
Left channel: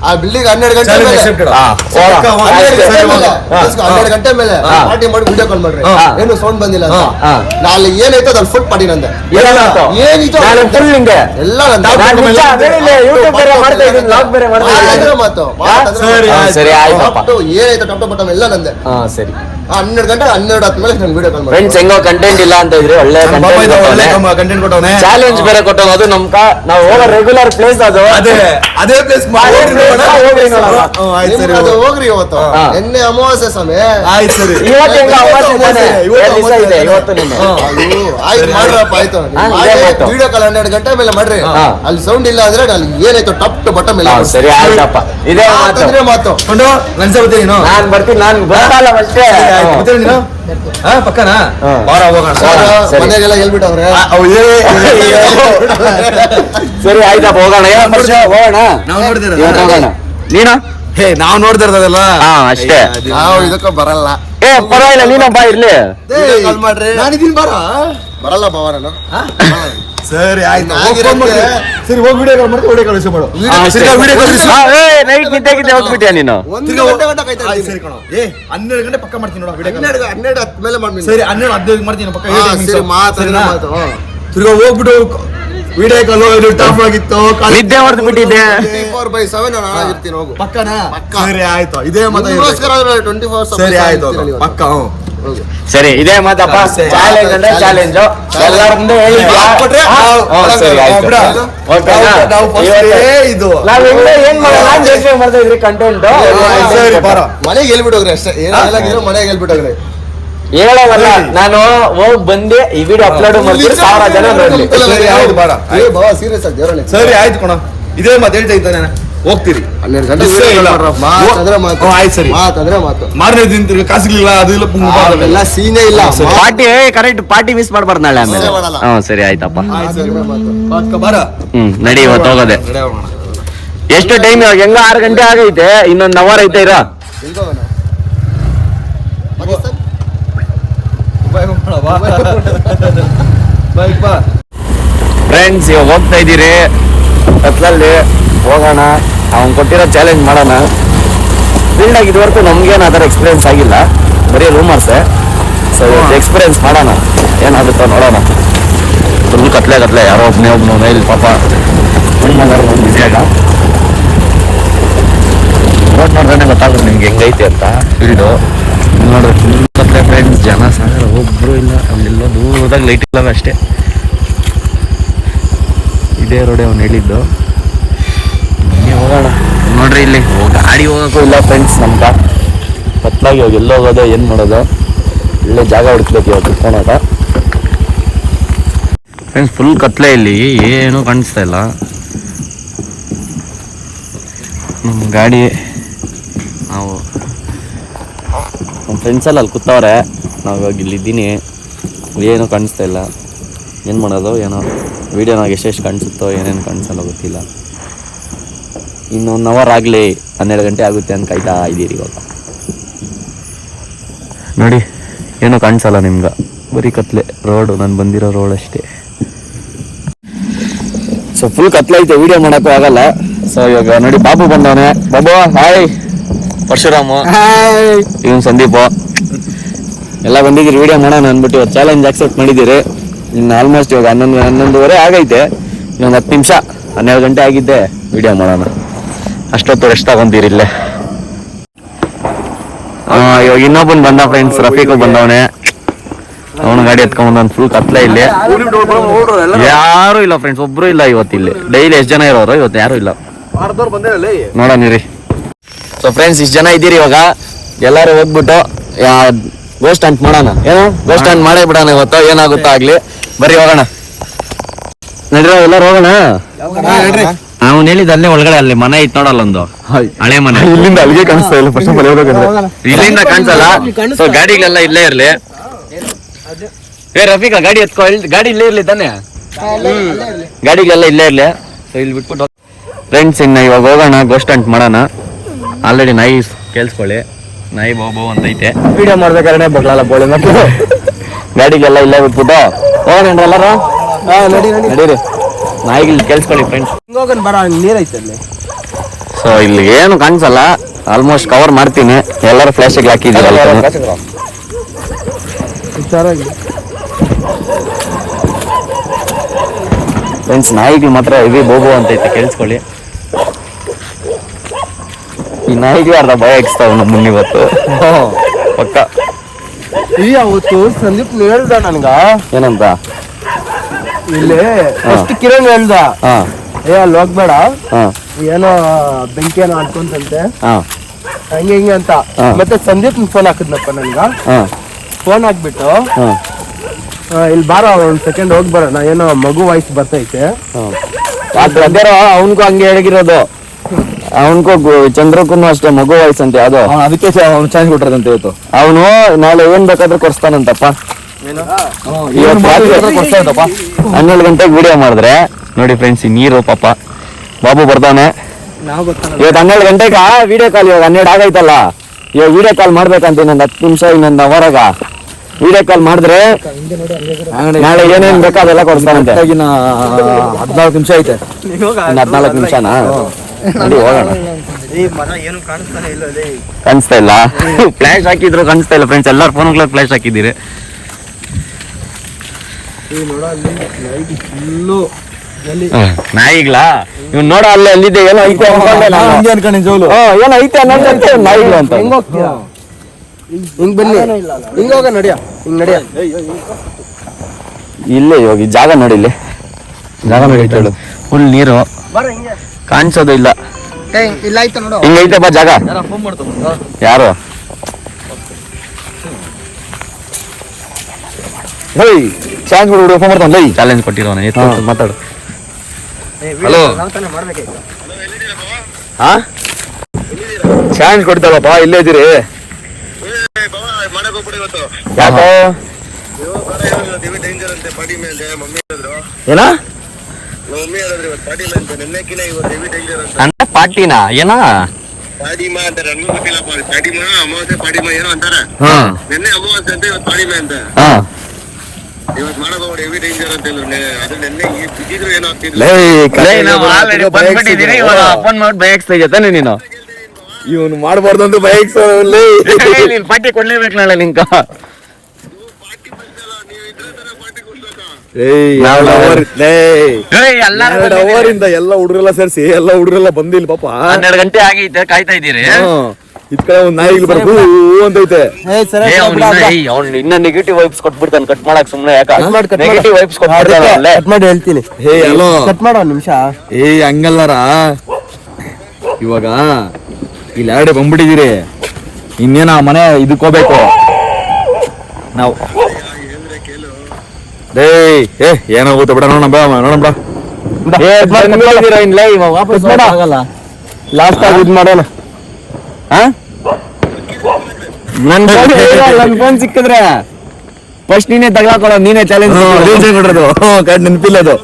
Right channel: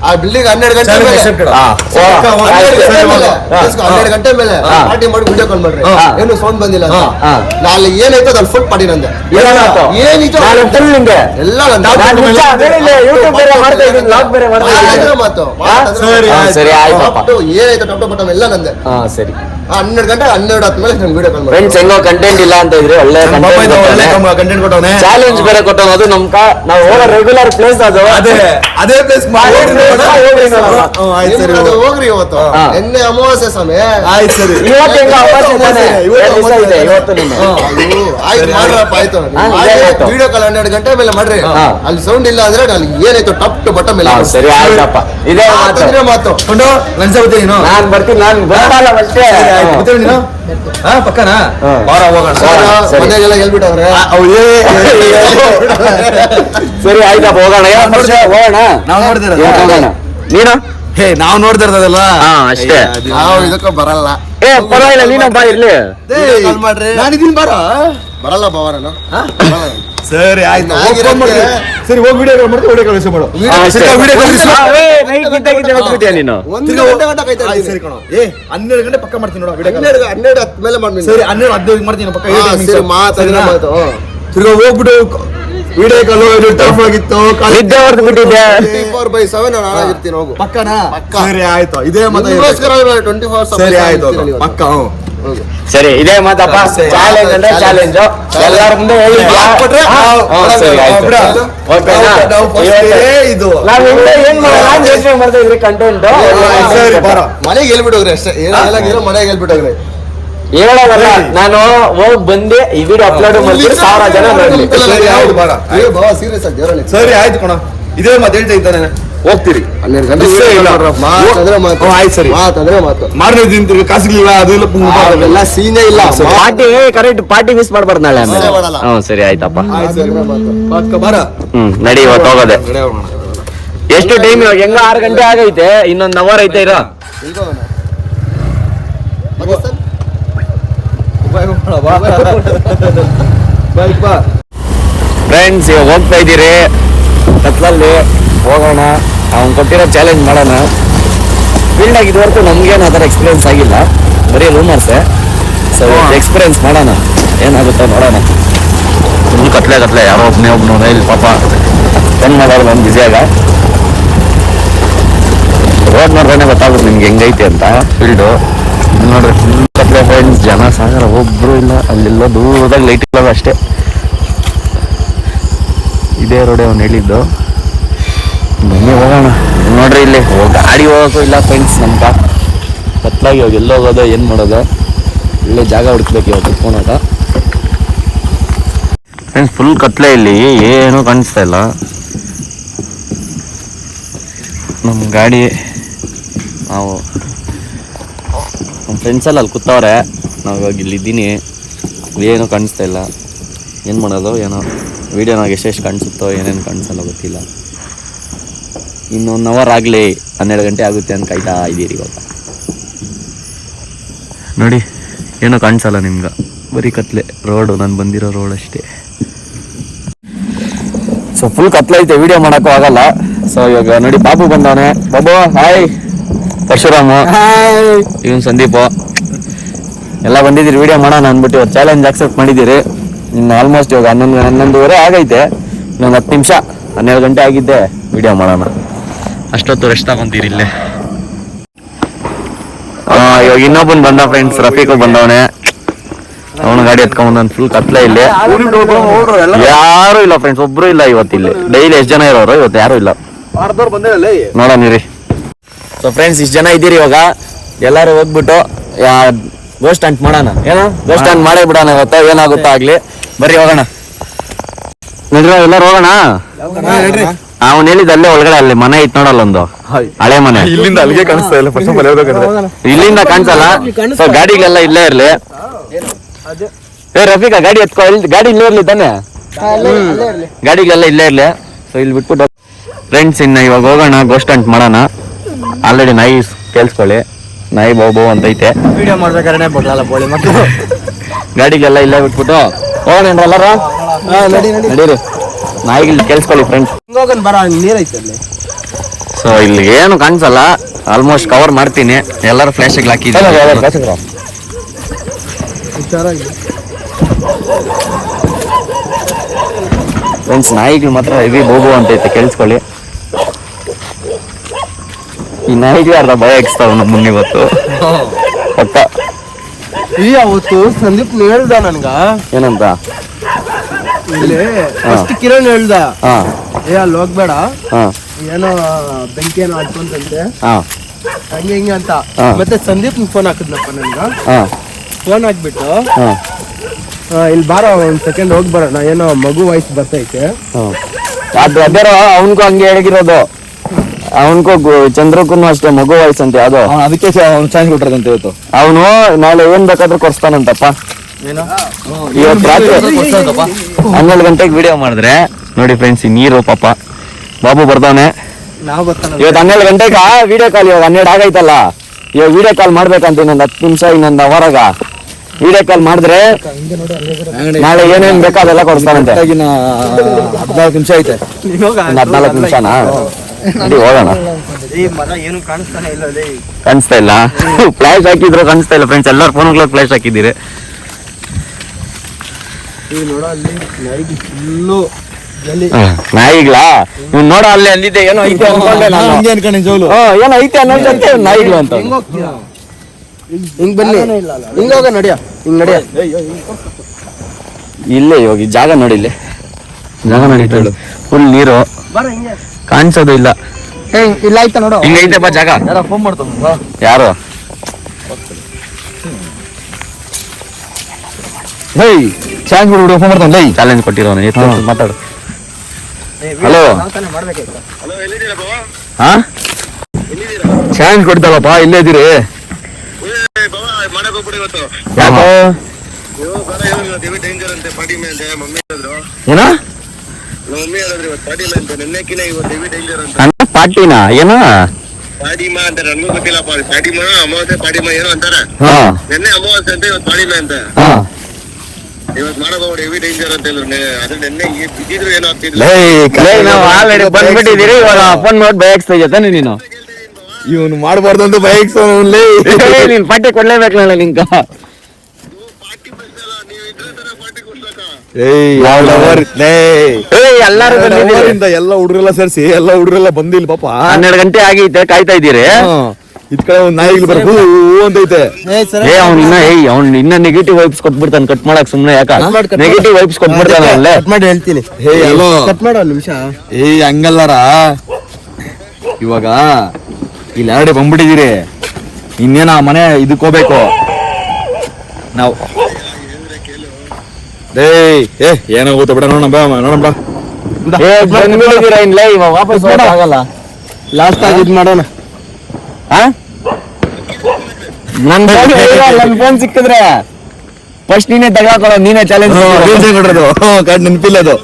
ಆ ಬಿಲ್ಡಿಂಗ್ 12 ಗಂಟೆ ಮೇಲೆ 12 ಗಂಟೆ ಮೇಲೆ ಪಾರ್ಟಿ ಮಾಡಿ ವಿಡಿಯೋ ಕಾಲ್ ಮಾಡ್ರಿ ಏನು ಸೌಂಡ್ ಬಂದಿಲ್ಲ ನಾಳೆ ಏನಾಯ್ತು ಅದ್ ಫುಲ್ ಪಾರ್ಟಿ ನಂದು ಏನಿತ್ತು ಎಲ್ಲ ಏನಾಯ್ತು ಟಪ್ ಟಪ್ ಎಲ್ಲ ನಂದೆ ಸರಿ 12 ಗಂಟೆ 12 ಹತ್ತು ಮೇಲೆ ನಾನು ವಿಡಿಯೋ ಕಾಲ್ ಮಾಡಿ ಫ್ರೆಂಡ್ಸ್ ಹೆಂಗೋ ಕಂಟೆಂಟ್ ಇಲ್ಲ ಅಂತ ಇದ್ರೆ ಒಳ್ಳೆ ಕಂಟೆಂಟ್ ಕೊಟ್ಟವನೆ ಚಾಲೆಂಜ್ ಬೇರೆ ಕೊಟ್ಟವನು ಅದು ನಾವು ಹೋಗೋ ರೆಗ್ಯುಲರ್ ಪ್ಲೇಸ್ ಅದು ಅದೇ ಪ್ಲೇಸ್ ಹೋಗ್ರಿ ಇವತ್ತು ಎಣ್ಣೆ ಅಮಾವಾಸ್ಯೆ ಸಮಯ ಆಯ್ತು ಸರಿ ಇವತ್ತು ಆಯ್ತು ಮಾಡ್ರಪ್ಪ ಆಯ್ತು ವಿಡಿಯೋ ಕಾಲ್ 12 ಗಂಟೆ ಮೇಲೆ ಮಾಡ್ರಿ ಅಲ್ಲಿ ಸೌಂಡ್ ಇಲ್ಲ ಅಂದ್ರೆ ಅಲ್ಲಿ ಏನಾಯ್ತು ಟಪ್ ಟು ಬಟ್ಟ ಮೇಲೆ ಸರಿ ಆಯ್ತಪ್ಪ ಇದೇ ಮಾತು ನಾನ್ ಬರ್ತೀನಿ ನಾನು ಬರಲ್ಲ ಅಷ್ಟೇ ಪಕ್ಕನಾ ಬಾರ ಹೋಗೋಣ ಮನೆಗೆಲ್ಲ ಹೇಳ್ಬಿಟ್ಟವ್ರೆ ಸರಿ ಆಯ್ತಪ್ಪ ಹೋಗೋಣ ಹೋಗೋಣ ನಾವು ನೋಡಿದಿರ ಹೋಗೋಣ ನೀನು ಹೇ ನಾವು ನೋಡ್ತಾ ಇರೋದಲ್ಲ ಅಷ್ಟೇ ನಾವು ಇದಕ್ಕ ಬರಲ್ಲ ಪರವಾಗಿಲ್ಲ ನೀನಪ್ಪ ಇರ್ಲಿ ಕಾಲ್ ಮಾಡ್ರಿ ನಾನಿದ್ದೀನಿ ಬಾರ ಬರಲ್ಲ ಬಾವರನು ಸರಿ ಆಯ್ತು ಸರಿ ಹೋಗಿ ವಿಡಿಯೋ ಕಾಲ್ ಮಾಡ್ತೀವಿ ವಿಡಿಯೋ ಕಾಲ್ ರಿಸೀವ್ ಮಾಡು ನೈಟ್ ನಿದ್ದೆ ಹೋಗ್ಬಿಟ್ಟಿಯ ನೀನು 1 ಗಂಟೆ ಸರಿ ಕಣೋ 12 ಗಂಟೆ ಪಕ್ಕ ಮಾಡ್ತೀನಿ ನೋಡು ವಿಡಿಯೋ 12 ಹತ್ತು ಮೇಲೆ ಮಾಡ್ತೀನಿ ಸರಿ 12 ಮಾಡ್ತೀನಿ ಪಕ್ಕ ಮಾತು ತಿರ್ಗಾ ಹೋಗ್ಬಿಟ್ಟು ವಿಡಿಯೋ ಕಾಲ್ ಟರ್ಫ್ ಆಗಿತ್ತು ನಿದ್ದೆ ಹೊಡೆದು ಬಿಟ್ಟಿದ್ದೆ 24/7 ನಾನು ಇರ್ತೀನಿ ಹೋಗು ಪಕ್ಕನಾ ಸರಿ ಆಯ್ತು ಇದೇ ಮತ್ತೆ 24/7 ಸರಿ ಆಯ್ತು ಪಕ್ಕ ಸರಿ ಇದೇ ಮಾತಪ್ಪ ಚಾಲೆಂಜ್ ಅಂದ್ರೆ ಚಾಲೆಂಜ್ ಎಲ್ಲರ ಮುಂದೆ ಇದು ಏನ್ ಮಾಡ್ತಾ ಇದ್ರಿ ಕಂಟೆಂಟ್ ಮನೆಗೆ ಹೇಳ್ಬಿಟ್ಟೋಗ್ರಿ ಅಷ್ಟೇ ಏನಾಗಿರೋ ಮನೆಗೆ ಹೇಳ್ಬಿಟ್ಟೋಗ್ರಿ ಹೇಳೋದಲ್ಲ ನಾನು ಹೋಗ್ ಬಂದೆ ಈ ವಿಡಿಯೋ ಅಪ್ಲೋಡ್ ಮಾಡ್ತೀನಿ 1000 ಜನ ನೋಡ್ಲಿ ಸರಿ ಆಯ್ತು ಬಾರ ಸೀರಿಯಸ್ ಆಗಿ ದೇವರಲ್ಲಿ ಸರಿ ಆಯ್ತು ಕಣ ಇದೇ ಮಾತು ಹೇಳ್ತಾ ಇದ್ದಾನೆ ಹೋಗ್ತೀರಿ 12 ಗಂಟೆ ಆಯ್ತು ಸರಿ ಮಾತಂದ್ರೆ ಮಾತು ಮಾರನೇ ಕಾಸಿರ್ಲಿಲ್ಲ ಅದು ಇಲ್ಲ ಎಲ್ಲ ಸೀನೇ ಇಲ್ಲ ಪಾರ್ಟಿ ಕರೆಕ್ಟ್ ಪಾರ್ಟಿ ಮಿಸ್ ಮಾಡ್ಬಾರ್ದು ನಾಳೆ ಆಮೇಲೆ ಸರಿ ಆಯ್ತಪ್ಪ ಬಾರ ನಡಿ ಇವತ್ತು ಹೋಗೋದೆ ಎಷ್ಟು ಟೈಮ್ ಇವಾಗ ಹೆಂಗ 6 ಗಂಟೆ ಆಗೈತೆ ಇನ್ನೊಂದು ಅವರ್ ಐತೆ ಇರ ಫ್ರೆಂಡ್ಸ್ ಹೋಗ್ತಾ ಇದ್ದೀರಿ ಕತ್ಲಲ್ಲಿ ಹೋಗೋಣ ಅವ್ನು ಕೊಟ್ಟಿರೋ ಚಾಲೆಂಜ್ ಮಾಡೋಣ ಫೀಲ್ಡ್ ಆಗಿ ಇದುವರೆಗೂ ನಮ್ಗೇನು ಆ ಥರ ಎಕ್ಸ್ಪೀರಿಯನ್ಸ್ ಆಗಿಲ್ಲ ಬರೀ ರೂಮರ್ಸೆ ಸೊ ಎಕ್ಸ್ಪೀರಿಯನ್ಸ್ ಮಾಡೋಣ ಏನಾಗುತ್ತೋ ನೋಡೋಣ ಫುಲ್ ಕತ್ಲೆ ಯಾರೋ ಒಬ್ಬನು ಇಲ್ಲಿ ಪಾಪ ಹೆಂಗ್ ಮಾಡೋದು ಒಂದು ಬಿಸಿಯಾಗ ಹೋದ್ ನೋಡ್ದೇ ಗೊತ್ತಾಗೋದು ನಿಮ್ಗೆ ಹೆಂಗೈತೆ ಅಂತ ಫೀಲ್ಡು ಇಲ್ಲಿ ನೋಡ್ರಿ ಫುಲ್ ಕತ್ಲೆ ಫ್ರೆಂಡ್ಸ್ ಜನ ಸಾಗರ ಒಬ್ರು ಇಲ್ಲ ಅಲ್ಲೆಲ್ಲ ದೂರದಾಗ ಲೈಟ್ ಇಲ್ಲ ಅಷ್ಟೇ ಇದೇ ರೋಡೆ ಅವ್ನು ಹೇಳಿದ್ದು ಬನ್ನಿ ಹೋಗೋಣ ನೋಡ್ರಿ ಇಲ್ಲಿ ಗಾಡಿ ಹೋಗೋಕ್ಕೂ ಇಲ್ಲ ಫ್ರೆಂಡ್ಸ್ ನಮ್ಗ ಕತ್ಲಾಗಿ ಇವಾಗ ಎಲ್ಲ ಹೋಗೋದು ಏನು ಮಾಡೋದು ಇಲ್ಲೇ ಜಾಗ ಹುಡುಕ್ಬೇಕು ಇವಾಗ ಕುತ್ಕೊಳಕ ಫ್ರೆಂಡ್ಸ್ ಫುಲ್ ಕತ್ಲೆ ಇಲ್ಲಿ ಏನೂ ಕಾಣಿಸ್ತಾ ಇಲ್ಲ ನಮ್ಮ ಗಾಡಿ ನಾವು ನಮ್ಮ ಫ್ರೆಂಡ್ಸೆಲ್ಲ ಅಲ್ಲಿ ಕೂತವ್ರೆ ನಾವು ಇವಾಗ ಇಲ್ಲಿದ್ದೀನಿ ಏನೂ ಕಾಣಿಸ್ತಾ ಇಲ್ಲ ಏನು ಮಾಡೋದು ಏನೋ ವೀಡಿಯೋನಾಗ ಎಷ್ಟೆಷ್ಟು ಕಾಣಿಸುತ್ತೋ ಏನೇನು ಕಾಣಿಸಲ್ಲ ಗೊತ್ತಿಲ್ಲ ಇನ್ನು 1 ಅವರ್ ಆಗಲಿ 12 ಗಂಟೆ ಆಗುತ್ತೆ ಅಂತ ಕಾಯ್ತಾ ಇದ್ದೀರಿ ಇವಾಗ ನೋಡಿ ಏನೂ ಕಾಣಿಸಲ್ಲ ನಿಮ್ಗೆ ಬರೀ ಕತ್ಲೆ ರೋಡು ನಾನು ಬಂದಿರೋ ರೋಡ್ ಅಷ್ಟೇ ಸೊ ಫುಲ್ ಕತ್ಲೆ ಐತೆ ವೀಡಿಯೋ ಮಾಡೋಕ್ಕೂ ಆಗಲ್ಲ ಸೊ ಇವಾಗ ನೋಡಿ ಬಾಬು ಬಂದಾನೆ ಬಾಬು ಹಾಯ್ ಪರಶುರಾಮ ಇವನು ಸಂದೀಪು ಎಲ್ಲ ಬಂದಿದ್ದೀರಿ ವೀಡಿಯೋ ಮಾಡೋಣ ಅಂದ್ಬಿಟ್ಟು ಇವತ್ತು ಚಾಲೆಂಜ್ ಆಕ್ಸೆಪ್ಟ್ ಮಾಡಿದ್ದೀರಿ ಇನ್ನು ಆಲ್ಮೋಸ್ಟ್ ಇವಾಗ 11:30 ಆಗೈತೆ ಇನ್ನೊಂದು 10 ನಿಮಿಷ 12 ಗಂಟೆ ಆಗಿದ್ದೆ ವೀಡಿಯೋ ಮಾಡೋಣ ಅಷ್ಟೊತ್ತು ರೆಸ್ಟ್ ತಗೊಂತೀರಿ ಇಲ್ಲೇ ಇವಾಗ ಇನ್ನೊಬ್ಬನ್ ಬಂದ ಫ್ರೆಂಡ್ಸ್ ರಫೀಕು ಬಂದವನೆ ಅವನ ಗಾಡಿ ಎತ್ಕೊಂಡ್ ಫುಲ್ ಕತ್ಲೆ ಇಲ್ಲಿ ಯಾರು ಇಲ್ಲ ಫ್ರೆಂಡ್ಸ್ ಒಬ್ರು ಇಲ್ಲ ಇವತ್ತು ಇಲ್ಲಿ ಡೈಲಿ ಎಷ್ಟು ಜನ ಇರೋರು ಇವತ್ತು ಯಾರು ಇಲ್ಲ ನೋಡೋಣ ರೀ ಸೊ ಫ್ರೆಂಡ್ಸ್ ಇಷ್ಟು ಜನ ಇದ್ದೀರಿ ಇವಾಗ, ಎಲ್ಲರೂ ಹೋಗ್ಬಿಟ್ಟು ಗೋಸ್ಟ್ ಹಂಟ್ ಮಾಡೋಣ. ಏನೋ ಗೋಸ್ಟ್ ಹಂಟ್ ಮಾಡೇ ಬಿಡೋಣ ಇವತ್ತು, ಏನಾಗುತ್ತೋ ಆಗ್ಲಿ. ಬರ್ರಿ ಹೋಗೋಣ, ಎಲ್ಲರೂ ಹೋಗೋಣ. ಅವ್ನು ಹೇಳಿದ ಅಲ್ಲೇ ಒಳಗಡೆ ಅಲ್ಲಿ ಮನೆ ಐತ್ ನೋಡಲ್ಲ, ಒಂದು ಹಳೆ ಮನೆ. ಇಲ್ಲಿಂದ ಅಲ್ಲಿಗೆ ಕಾಣಿಸ್ತಾ ಇಲ್ಲ, ಇಲ್ಲಿಂದ ಕಾಣಿಸಲ್ಲ. ಸೊ ಗಾಡಿಗಳೆಲ್ಲ ಇಲ್ಲೇ ಇರ್ಲಿ. ರಫೀಕಾ ಗಾಡಿ ಎತ್ಕೊ, ಗಾಡಿ ಇಲ್ಲೇ ಇರ್ಲಿ ತಾನೆ, ಗಾಡಿಗಳೆಲ್ಲ ಇಲ್ಲೇ ಇರ್ಲಿ. ಸೊ ಇಲ್ಲಿ ಬಿಟ್ಬಿಟ್ಟು ಫ್ರೆಂಡ್ಸ್ ಇನ್ನ ಇವಾಗ ಹೋಗೋಣ, ಗೋಸ್ಟ್ ಹಂಟ್ ಮಾಡೋಣ. ಆಲ್ರೆಡಿ ನಾಯಿ ಕೇಳಿಸ್ಕೊಳ್ಳಿ, ನಾಯಿ ಬಾಬು ಅಂತೈತೆ. ವಿಡಿಯೋ ಮಾಡ್ಬೇಕಾದ್ರೆ ಬರಲ್ಲ ಬೋಳಿ ಮತ್ತೆ ಗಾಡಿಗೆಲ್ಲ ಇಲ್ಲೇ ಬಿಟ್ಬಿಟ್ಟು ಹೋಗೋಣ ಎಲ್ಲರೂ. ನಡೀರಿ, ನಾಯಿಗಳು ಕೇಳಿಸ್ಕೊಳ್ಳಿ ಫ್ರೆಂಡ್ಸ್. ಸೊ ಇಲ್ಲಿ ಏನು ಕಾಣಿಸಲ್ಲ, ಆಲ್ಮೋಸ್ಟ್ ಕವರ್ ಮಾಡ್ತೀನಿ. ಎಲ್ಲರೂ ಫ್ಲಾಶಿಗೆ ಹಾಕಿದ್ದೀನಿ ಫ್ರೆಂಡ್ಸ್. ನಾಯಿಗಳು ಮಾತ್ರ ಇವಿ ಬೋಗು ಅಂತೈತೆ, ಕೇಳಿಸ್ಕೊಳ್ಳಿ. ಈ ನಾಯಿಗೆ ಅರ್ಧ ಭಯ ಇಕ್ಸ್ತಾವ ನಮ್ಮನ್ನ ಇವತ್ತು. ಪಕ್ಕ ಅವತ್ತು ಸಂದೀಪ್ ಹೇಳ್ದ ನನ್ಗ ಏನಂತ, ಇಲ್ಲಿ ಕಿರಣ್ ಹೇಳ್ದ, ಅಲ್ಲಿ ಹೋಗ್ಬೇಡ, ಹಾ ಏನೋ ಬೆಂಕಿ ಏನೋ ಹಾಕೊಂತಂತೆ ಹಾ ಹಂಗೆ ಹಿಂಗೆ ಅಂತ. ಮತ್ತೆ ಸಂದೀಪ್ ಫೋನ್ ಹಾಕಿದ್ನಪ್ಪ ನನ್ಗ. ಹಾ ಫೋನ್ ಹಾಕ್ಬಿಟ್ಟು ಹಾ ಇಲ್ಲಿ ಬಾರ ಒಂದ್ ಸೆಕೆಂಡ್ ಹೋಗಿ ಬರೋಣ, ಏನೋ ಮಗು ವಾಯ್ಸ್ ಬರ್ತೈತೆ. ಬ್ರದರ್ ಅವನ್ಗೂ ಹಂಗೆ ಹೇಳಿರೋದು, ಅವನ್ಗೂ ಚಂದ್ರಕ್ಕೂ ಅಷ್ಟೇ ಮಗು ವಾಯ್ಸ್ ಅಂತ ಯಾವ್ದು, ಅದಕ್ಕೆ ಚಾನ್ಸ್ ಕೊಟ್ಟಿರೋದಂತ ಇವತ್ತು. ಅವನು ನಾಳೆ ಏನ್ ಬೇಕಾದ್ರೂ ಕೊಡ್ಸ್ತಾನಂತಪ್ಪ. ಇವತ್ತು ರಾತ್ರಿ 12 ಗಂಟೆಗೆ ವಿಡಿಯೋ ಮಾಡಿದ್ರೆ ನೋಡಿ ಫ್ರೆಂಡ್ಸ್, ಈ ನೀರು ಪಾಪ ಬಾಬು ಬರ್ತಾನೆ. ಇವತ್ತು 12 ಗಂಟೆಗ ವಿಡಿಯೋ ಕಾಲ್, ಇವಾಗ 12 ಆಗೈತಲ್ಲ, ಇವಾಗ ವಿಡಿಯೋ ಕಾಲ್ ಮಾಡ್ಬೇಕಂತ ಇನ್ನೊಂದು 10 ನಿಮಿಷ, ಇನ್ನೊಂದು ಅವರಾಗ ವಿಡಿಯೋ ಕಾಲ್ ಮಾಡಿದ್ರೆ ನಾಳೆ ಏನೇನ್ ಬೇಕೋ ಅದೆಲ್ಲ ಕೊಡ್ತಾನಂತೆ. 14 ನಿಮಿಷ ಐತೆ, 14 ನಿಮಿಷನಾ? ನೋಡಿ ಹೋಗೋಣ. ಕಾಣಿಸ್ತಾ ಇಲ್ಲ, ಫ್ಲಾಶ್ ಹಾಕಿದ್ರು ಕಾಣಿಸ್ತಾ ಇಲ್ಲ ಫ್ರೆಂಡ್ಸ್. ಎಲ್ಲಾರು ಫೋನ್ಗಳಿಗೆ ಫ್ಲಾಶ್ ಹಾಕಿದ್ದೀರಿ. ನಾಯಿಗ್ಲಾ ಇವ್ನು ನೋಡ, ಅಲ್ಲೇ ಅಲ್ಲಿದ್ದೆ ಏನೋ ಐತೆ ಅನ್ಕೊಂಡೆ ನಾನು. ಏನೋ ಐತೆ ಅನ್ನೋದಂತೆ ನಾಯಿಗ್ಲು ಅಂತ. ಹಿಂಗ್ ಬನ್ನಿ, ಹಿಂಗ ಹೋಗ, ನಡಿಯ ಹಿಂಗ್ ನಡಿಯ. ಇಲ್ಲೇ ಇವಾಗ ಈ ಜಾಗ ನೋಡಿ, ಇಲ್ಲಿ ಜಾಗ ನೋಡಿ, ಫುಲ್ ನೀರು ಕಾಣಿಸೋದು ಇಲ್ಲ. ಇಲ್ಲ ಆಯ್ತಾ ನೋಡು, ಹಿಂಗೈತೆ ಬಾ ಜಾಗ. ಯಾರು ಚಾಲೆಂಜ್ ಕೊಟ್ಟಿರೋನ, ಮಾತಾಡು. ಚಾಲೆಂಜ್ ಕೊಡ್ತಾರಪ್ಪ, ಇಲ್ಲೇ ಇದ್ದೀರಿ. ಏನ ನನ್ನ ಪಾರ್ಟಿನ ಏನ ಬಂದ್ಬಿಟ್ಟಿದ್ದೀರಿ. ಇವಾಗ ಫೋನ್ ನೋಡಿ ಬಯಸ್ತಾ ಇದ್ದಾನೆ ನೀನು. ಇವನು ಮಾಡಬಾರ್ದು ಅಂತ ಬೈಕ್ ನೀನ್ ಪಾರ್ಟಿ ಕೊಡ್ಲೇಬೇಕು ನಾಳೆ ನಿಂಕ. ಎಲ್ಲ ಹುಡುಗರೆಲ್ಲ ಸೇರಿಸಿ ಎಲ್ಲ ಹುಡುಗರೆಲ್ಲ ಬಂದಿಲ್ಲ ಪಾಪ. 12 ಗಂಟೆ ಆಗೈತೆ, ಕಾಯ್ತಾ ಇದ್ದೀರಿ. ಇದ್ ಕಡೆ ಒಂದ್ ನಾಯಿಗಳು ಬರ್ಬೇಕು ಅಂತೈತೆ. ಅವ್ನು ಇನ್ನ ನೆಗೆಟಿವ್ ವೈಬ್ಸ್ ಕೊಟ್ಬಿಡ್ತಾನೆ, ಕಟ್ ಮಾಡಕ್ ಸುಮ್ನೆ ಯಾಕ ನೆಗೆಟಿವ್ ವೈಬ್ಸ್ ಕೊಟ್ಬಿಡ್ತಾನೆ. ಮಾಡಿ ಹೇಳ್ತೀನಿ. ಕಟ್ ಮಾಡೋ ನಿಮಿಷ. ಹಂಗಲ್ಲಾರ, ಇವಾಗ ಇಲ್ಲಿ 2 ಬಂದ್ಬಿಟ್ಟಿದ್ದೀರಿ. ಇನ್ನೇನ ಮನೆ ಇದಕ್ ಹೋಗ್ಬೇಕು ನಾವು. ಏನಾಗುತ್ತೆ ಬಿಡ, ನೋಡೋಣ ನೋಡೋಣ. ವಾಪಸ್ ಆಗಲ್ಲ. ಲಾಸ್ಟ್ ಆಗಿ ಇದ್ ಮಾಡೋಣ. ನನ್ ಫೋನ್ ಸಿಕ್ಕಿದ್ರೆ ಫಸ್ಟ್ ನೀನೇ ತಗೊಳಕೊಳ್ಳೋ, ನೀನೇ ಚಾಲೆಂಜ್ ಕೊಡೋದು. ನೆನಪಿಲ್ಲ ಅದು.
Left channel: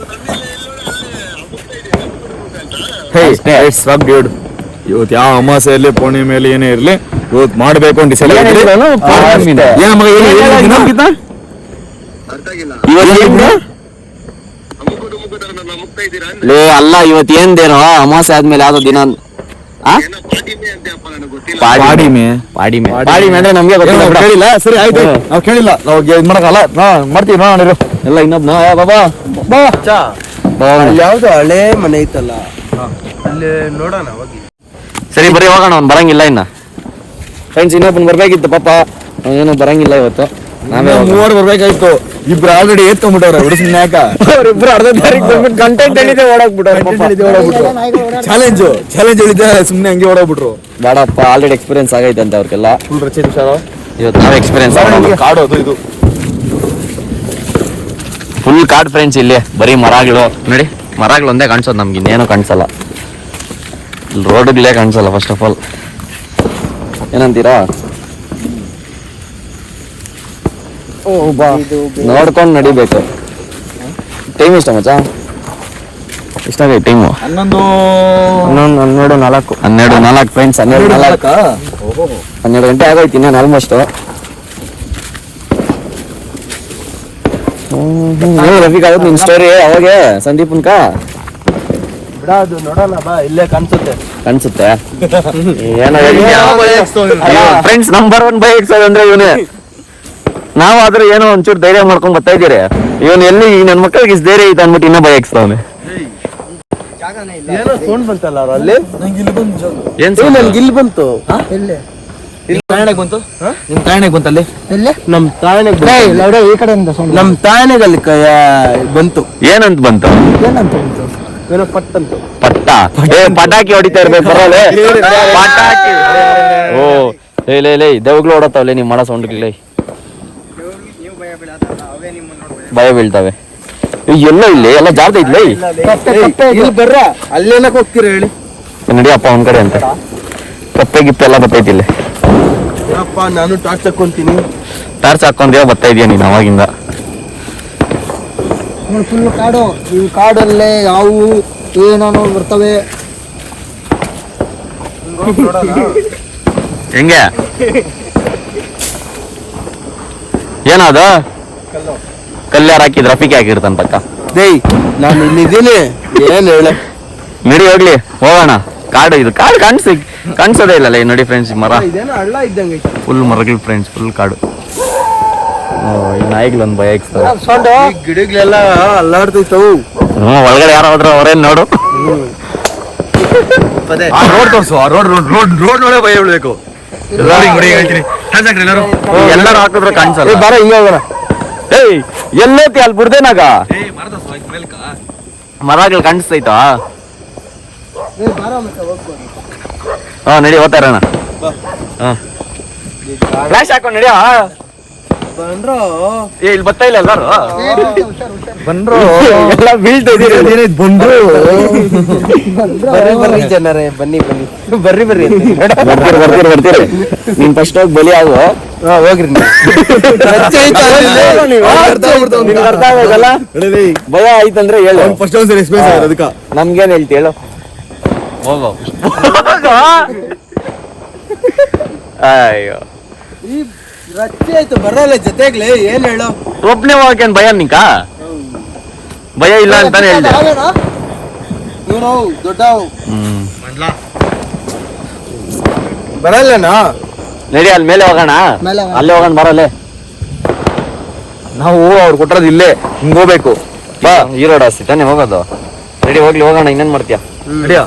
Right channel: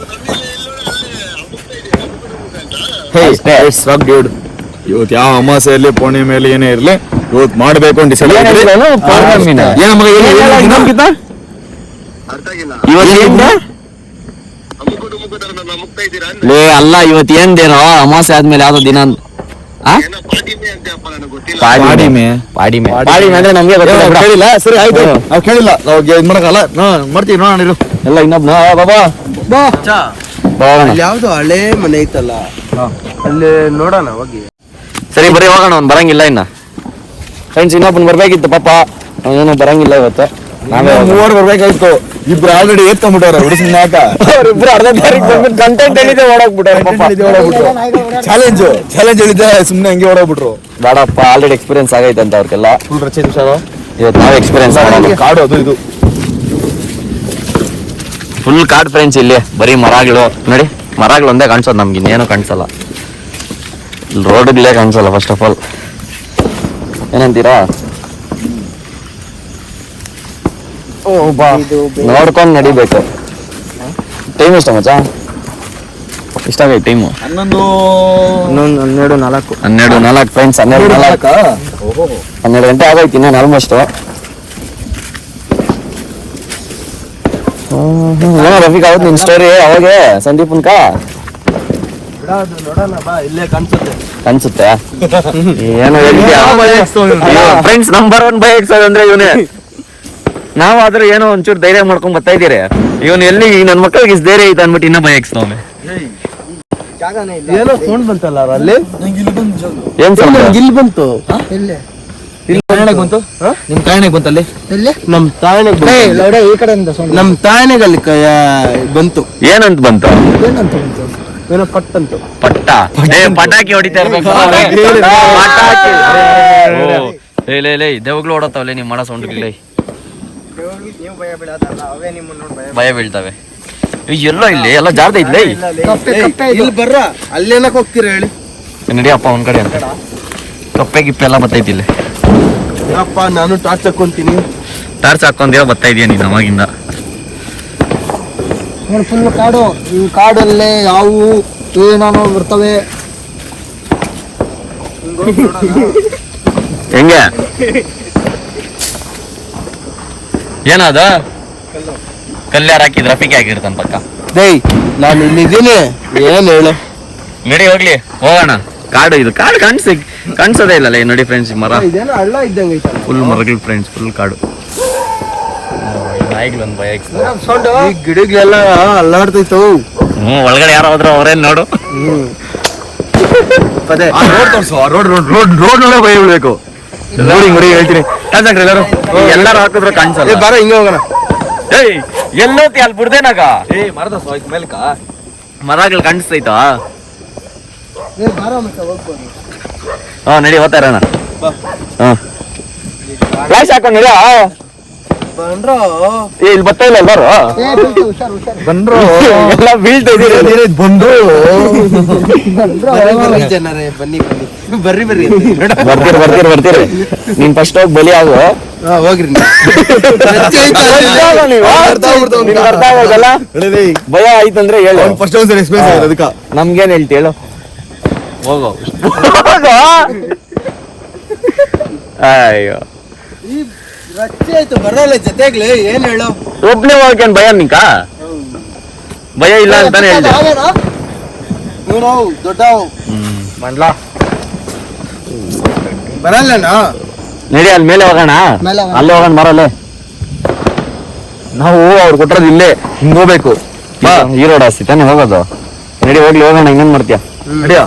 ಇವತ್ತು ಯಾವ ಅಮಾಸೆಯಲ್ಲಿ ಪೂರ್ಣಿಮೆಯಲ್ಲಿ ಏನೇ ಇರ್ಲಿ, ಇವತ್ತು ಮಾಡ್ಬೇಕು ಅಂತ ಡಿಸೈಡ್ ಅಲ್ಲ. ಇವತ್ತು ಏನ್ ದಿನ, ಅಮಾಸೆ ಆದ್ಮೇಲೆ ಯಾವ್ದೋ ದಿನ ಪಾಡಿಮೆ ಅಂದ್ರೆ ನಮ್ಗೆ ಕೇಳಿಲ್ಲ. ಸರಿ ಆಯ್ತು, ನಾವು ಕೇಳಿಲ್ಲ, ನಾವು ಇದ್ ಮಾಡಕಲ್ಲ, ಮಾಡ್ತೀವಿ ನೋಡೋಣ. ಎಲ್ಲ ಇನ್ನೊಬ್ನ ಬಾಬಾ ಯಾವ್ದು ಹಳೆ ಮನೆ ಐತಲ್ಲ, ಅಲ್ಲಿ ನೋಡೋಣ ಹೋಗಿ. ಸರಿ ಬರೀ ಹೋಗೋಣ, ಅವ್ನು ಬರಂಗಿಲ್ಲ ಇನ್ನ. ಫ್ರೆಂಡ್ಸ್ ಇನ್ನೊಬ್ಬನ್ ಬರ್ಬೇಕಿತ್ತು ಪಾಪ, ಏನೋ ಬರಂಗಿಲ್ಲ ಇವತ್ತು. ನಾವೇ 3 ಬರ್ಬೇಕಾಯ್ತು. ಇಬ್ರು ಆಲ್ರೆಡಿ ಏತ್ಕೊಂಡ್ಬಿಟ್ಟವ್ರೆ ಹುಡುಗ ಯಾಕ ಅವ್ರಿಬ್ರು ಅರ್ಧ ತಾರೀಕು ಬಂದ್ಬಿಟ್ಟು ಕಂಟೆಂಟ್ ಹೇಳಿದ್ರೆ ಓಡೋಗ್ಬಿಟ್ಟವ್ರೆ ಪಾಪ. ಚಾಲೆಂಜ್ ಹೇಳಿದ್ದೆ ಸುಮ್ನೆ ಹಂಗೆ ಓಡೋಗ್ಬಿಟ್ರು. ಬೇಡಪ್ಪ, ಆಲ್ರೆಡಿ ಎಕ್ಸ್ಪೀರಿಯನ್ಸ್ ಆಗೈತೆ ಅಂತ ಅವ್ರಿಗೆಲ್ಲ. ಫುಲ್ ರಚೆ ನಿಮಿಷ ಇವತ್ತು ನಾವ್ ಎಕ್ಸ್ಪೀರಿಯನ್ಸ್ ಮಾಡೋಣ. ಕಾಡು ಅದು ಇದು ಫುಲ್ ಕಾಡ್ ಫ್ರೆಂಡ್ಸ್. ಇಲ್ಲಿ ಬರೀ ಮರಗಳು ನೋಡಿ, ಮರಗಳು ಒಂದೇ ಕಾಣಿಸೋದು ನಮ್ಗೆ, ಇನ್ನೇನು ಕಾಣಿಸಲ್ಲ. ಇಲ್ಲಿ ರೋಡ್ಗಳೇ ಕಾಣಿಸಲ್ಲ ಫಸ್ಟ್ ಆಫ್ ಆಲ್. ಏನಂತೀರಾ? ನೋಡ್ಕೊಂಡು ನಡಿಬೇಕು. ಟೈಮ್ ಇಷ್ಟ ಮಚ್ಚ? ಇಷ್ಟಾಗೋ ಟೈಮು 12:04 ಫ್ರೆಂಡ್ಸ್. 12 ಗಂಟೆ ಆಗೋಯ್ತು ಇನ್ನೇನು ಆಲ್ಮೋಸ್ಟ್. ಏನೋ ರಫೀಕ್ ಆಗುತ್ತೆ ನಿನ್ ಸ್ಟೋರಿ ಅವಾಗೆ ಸಂದೀಪನ್ಕ ಕಾಣಿಸುತ್ತೆ. ಫ್ರೆಂಡ್ಸ್ ನಂಬರ್ 1 ಬೈಕ್ ಅಂದ್ರೆ ಇವನೇ. ನಾವು ಆದ್ರೆ ಏನೋ ಒಂಚೂರು ಧೈರ್ಯ ಮಾಡ್ಕೊಂಡ್ ಬರ್ತಾ ಇದ್ದೀರಿ. ಇವನು ಎಲ್ಲಿ ನನ್ನ ಮಕ್ಕಳಿಗೆ ಇಷ್ಟು ಧೈರ್ಯ ಐತೆ ಅನ್ಬಿಟ್ಟು ಇನ್ನೂ ಬೈಕ್ ಅವನು. ಏನ್ ಸೌಂಡ್ ಇಲ್ಲಿ ಬಂತು? ನಿಮ್ ತಾಯಣೆಗೆ ಬಂತಲ್ಲಿ? ನಮ್ ತಾಯಣೆಗೆ ಅಲ್ಲಿ ಬಂತು. ಏನಂತ ಬಂತು? ಏನೋ ಪಟ್ಟಂತು. ಪಟ್ಟ ಪಟಾಕಿ ಹೊಡಿತಾ ಇರ್ಬೇಕು. ಪಟಾಕಿ. ಓ ಲೇ ದೇವ್ಗಳು ಹೊಡತಾವಲೆ ನಿಮ್ ಮಾಡೋ ಸೌಂಡ್ಗಳೇ. ಭಯ ಬೀಳ್ತಾವೆ. ಎಲ್ಲೋ ಇಲ್ಲಿ ಎಲ್ಲ ಜಾರ್ದ ಇದ್ಲೇ. ಇಲ್ಲಿ ಬರ್ರ ಅಲ್ಲೇನಕ್ ಹೋಗ್ತೀರ ಹೇಳಿ? ನಡಿಯಪ್ಪ ಒಂದ್ ಕಡೆ ಅಂತ. ಕಪ್ಪೆ ಗಿಪ್ಪೆ ಎಲ್ಲ ಬರ್ತೈತಿ ಇಲ್ಲಿ. ಯಪ್ಪ ನಾನು ಟಾರ್ಚ್ ಹಾಕೊಂತೀನಿ. ಟಾರ್ಚ್ ಹಾಕೊಂಡೇವ ಬರ್ತಾ ಇದೀಯ ನೀನ್ ಅವಾಗಿಂದ. ಫುಲ್ ಕಾಡು. ಈ ಕಾಡಲ್ಲೇ ಯಾವು ಏನಾನೋ ಬರ್ತವೆ. ಹೆಂಗೆ ಏನದು? ಕಲ್ಯಾರ ಹಾಕಿದ್ ರಫಿಕೆ ಹಾಕಿರ್ತಂತ ಪಕ್ಕ. ಡೇಯ್ ನಾನು ಇಲ್ಲಿದ್ದೀನಿ. ಏನ್ ಹೇಳ? ನಡಿ ಹೋಗ್ಲಿ ಹೋಗೋಣ. ಕಾಡು ಇದು. ಕಾಡು ಕಾಣಿಸೋದೇ ಇಲ್ಲ ನೋಡಿ ಫ್ರೆಂಡ್ಸ್. ಮರ ಹಳ್ಳ ಇದ್ದಂಗೆ ಫುಲ್ ಮರಗಳು ಫ್ರೆಂಡ್ಸ್. ಫುಲ್ ಕಾಡು. ನಾಯಿಗಳೊಂದು ಭಯ. ಗಿಡಗಳೆಲ್ಲ ಅಲ್ಲಾಡ್ತೈತು. ಒಳಗಡೆ ಯಾರೋ ಹೋದ್ರೆ ಅವ್ರೇನ್ ನೋಡು. ರೋಡ್ ನೊಳಗೆ ಭಯ ಬೀಳ್ಬೇಕು. ಹೇಳ್ತೀನಿ ಎಲ್ಲರೂ. ಎಲ್ಲರೂ ಹಾಕಿದ್ರೆ ಕಾಣಿಸಲ್ಲ. ಬರ ಹಿಂಗ ಹೋಗೋಣ. ಏಯ್ ಎಲ್ಲೋತಿ ಅಲ್ಲಿ ಬಿಡ್ದೇನಾಗ ಮರಗಳು ಕಾಣಿಸ್ತೈತಾ? ಹಾ ನಡಿ ಹೋಗ್ತಾ ಇರೋಣ. ಫ್ಲಾಶ್ ಹಾಕೊಂಡ್ ನಡಿಯ. ಬಂದ್ರು ಇಲ್ಲಿ ಬರ್ತಾ ಇಲ್ಲ ಎಲ್ಲರೂ. ಎಲ್ಲ ಬೀಳ್ತೈತಿ ಬಂದ್ರು. ಬರ್ರಿ ಜನರೇ ಬನ್ನಿ ಬರ್ರಿ ಬರ್ತೀರಿ. ನೀನ್ ಫಸ್ಟ್ ಹೋಗಿ ಬೆಲೆ ಆಗ ಹೋಗ್ರಿ. ಭಯ ಆಯ್ತಂದ್ರೆ ಹೇಳು. ಫಸ್ಟ್ ಒಂದ್ಸರಿ ಎಕ್ಸ್ಪೀರಿಯನ್ಸ್ ಆಗಿದೆ ಅದಕ್ಕ. ನಮ್ಗೇನ್ ಹೇಳ್ತಿ ಹೇಳು? ಹೋಗೋ. ಅಯ್ಯೋ ಈ ರಚ್ಚೆ ಆಯ್ತು ಬರಲ್ಲ ಜೊತೆಗ್ಲಿ. ಏನ್ ಹೇಳು? ಒಬ್ನೇ ಹೋಗೇನ್ ಭಯ ನಿಂಕ? ಭಯ ಇಲ್ಲ ಅಂತಾನೆ ಹೇಳ್ದೆ. ದೊಡ್ಡವು ಮಂಡ್ಲಾ ಬರಲ್ಲನಾ? ನಡಿ ಅಲ್ಲಿ ಮೇಲೆ ಹೋಗೋಣ. ಅಲ್ಲೇ ಹೋಗೋಣ ಬರಲ್ಲ. ನಾವು ಅವ್ರು ಕೊಟ್ಟರದು ಇಲ್ಲೇ ಹಿಂಗ್ ಹೋಗ್ಬೇಕು. ಈ ರೋಡ್ ಹಸಿ ತಾನೆ ಹೋಗೋದು. ನಡಿ ಹೋಗ್ಲಿ ಹೋಗೋಣ. ಇನ್ನೇನ್ ಮಾಡ್ತೀಯ? ನಡಿಯ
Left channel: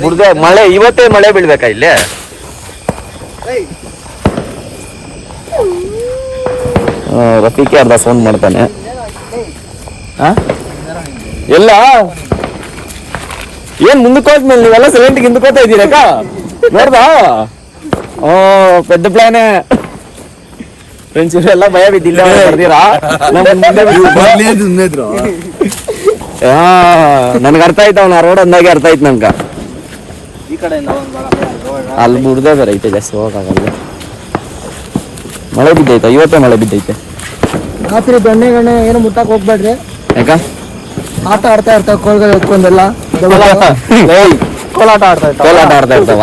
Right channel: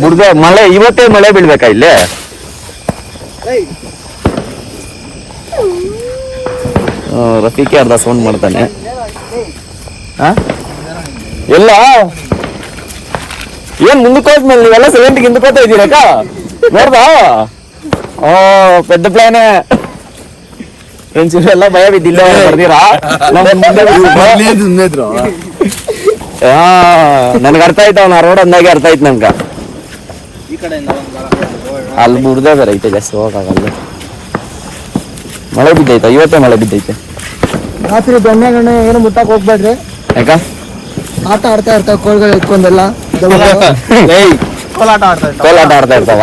ಬಿಡ್ದೆ. ಮಳೆ ಇವತ್ತೇ ಮಳೆ ಬೀಳ್ಬೇಕಾ ಇಲ್ಲೇ? ರಫೀಕೆ ಅರ್ಧ ಸೌಂಡ್ ಮಾಡ್ತಾನೆ. ಎಲ್ಲ ಏನ್ ಮುಂದಕ್ಕೆ ಹೋದ್ಮೇಲೆ ನೀವೆಲ್ಲ ಸೈಲೆಂಟ್ಗೆ ಹಿಂದಕೋತಾ ಇದ್ದೀರಕ್ಕ? ನೋಡ್ದಾ? ಓ ಪೆದ್ದ ಪ್ಲಾನೆ ಫ್ರೆಂಡ್ಸ್. ಎಲ್ಲ ಭಯ ಬಿದ್ದಿಲ್ಲ. ನನ್ಗೆ ಅರ್ಥ ಆಯ್ತು. ಅವ್ನ ರೋಡ್ ಅಂದಾಗೆ ಅರ್ಥ ಆಯ್ತು ನನ್ಗ. ಅಲ್ಲಿ ಬಿಡ್ದೆ ಬೇರೆ ಐತೆ, ಜಾಸ್ತಿ ಹೋಗಕ್ಕಾಗಲ್ಲ. ಮಳೆ ಬಿದ್ದೈತೆ. ಇವತ್ತೇ ಮಳೆ ಬಿದ್ದೈತೆ. ರಾತ್ರಿ ದೊಣ್ಣೆ ಗಣ್ಣೆ ಏನು ಮುಟ್ಟಕ್ ಹೋಗ್ಬೇಡ್ರಿ. ಯಾಕ? ಆಟ ಆಡ್ತಾ ಇರ್ತಾವ ಕೋಲ್ಗಳು ಎತ್ಕೊಂಡೆಲ್ಲ. ಕೋಲಾಟ ಆಡ್ತಾ ಇರ್ತಾವ.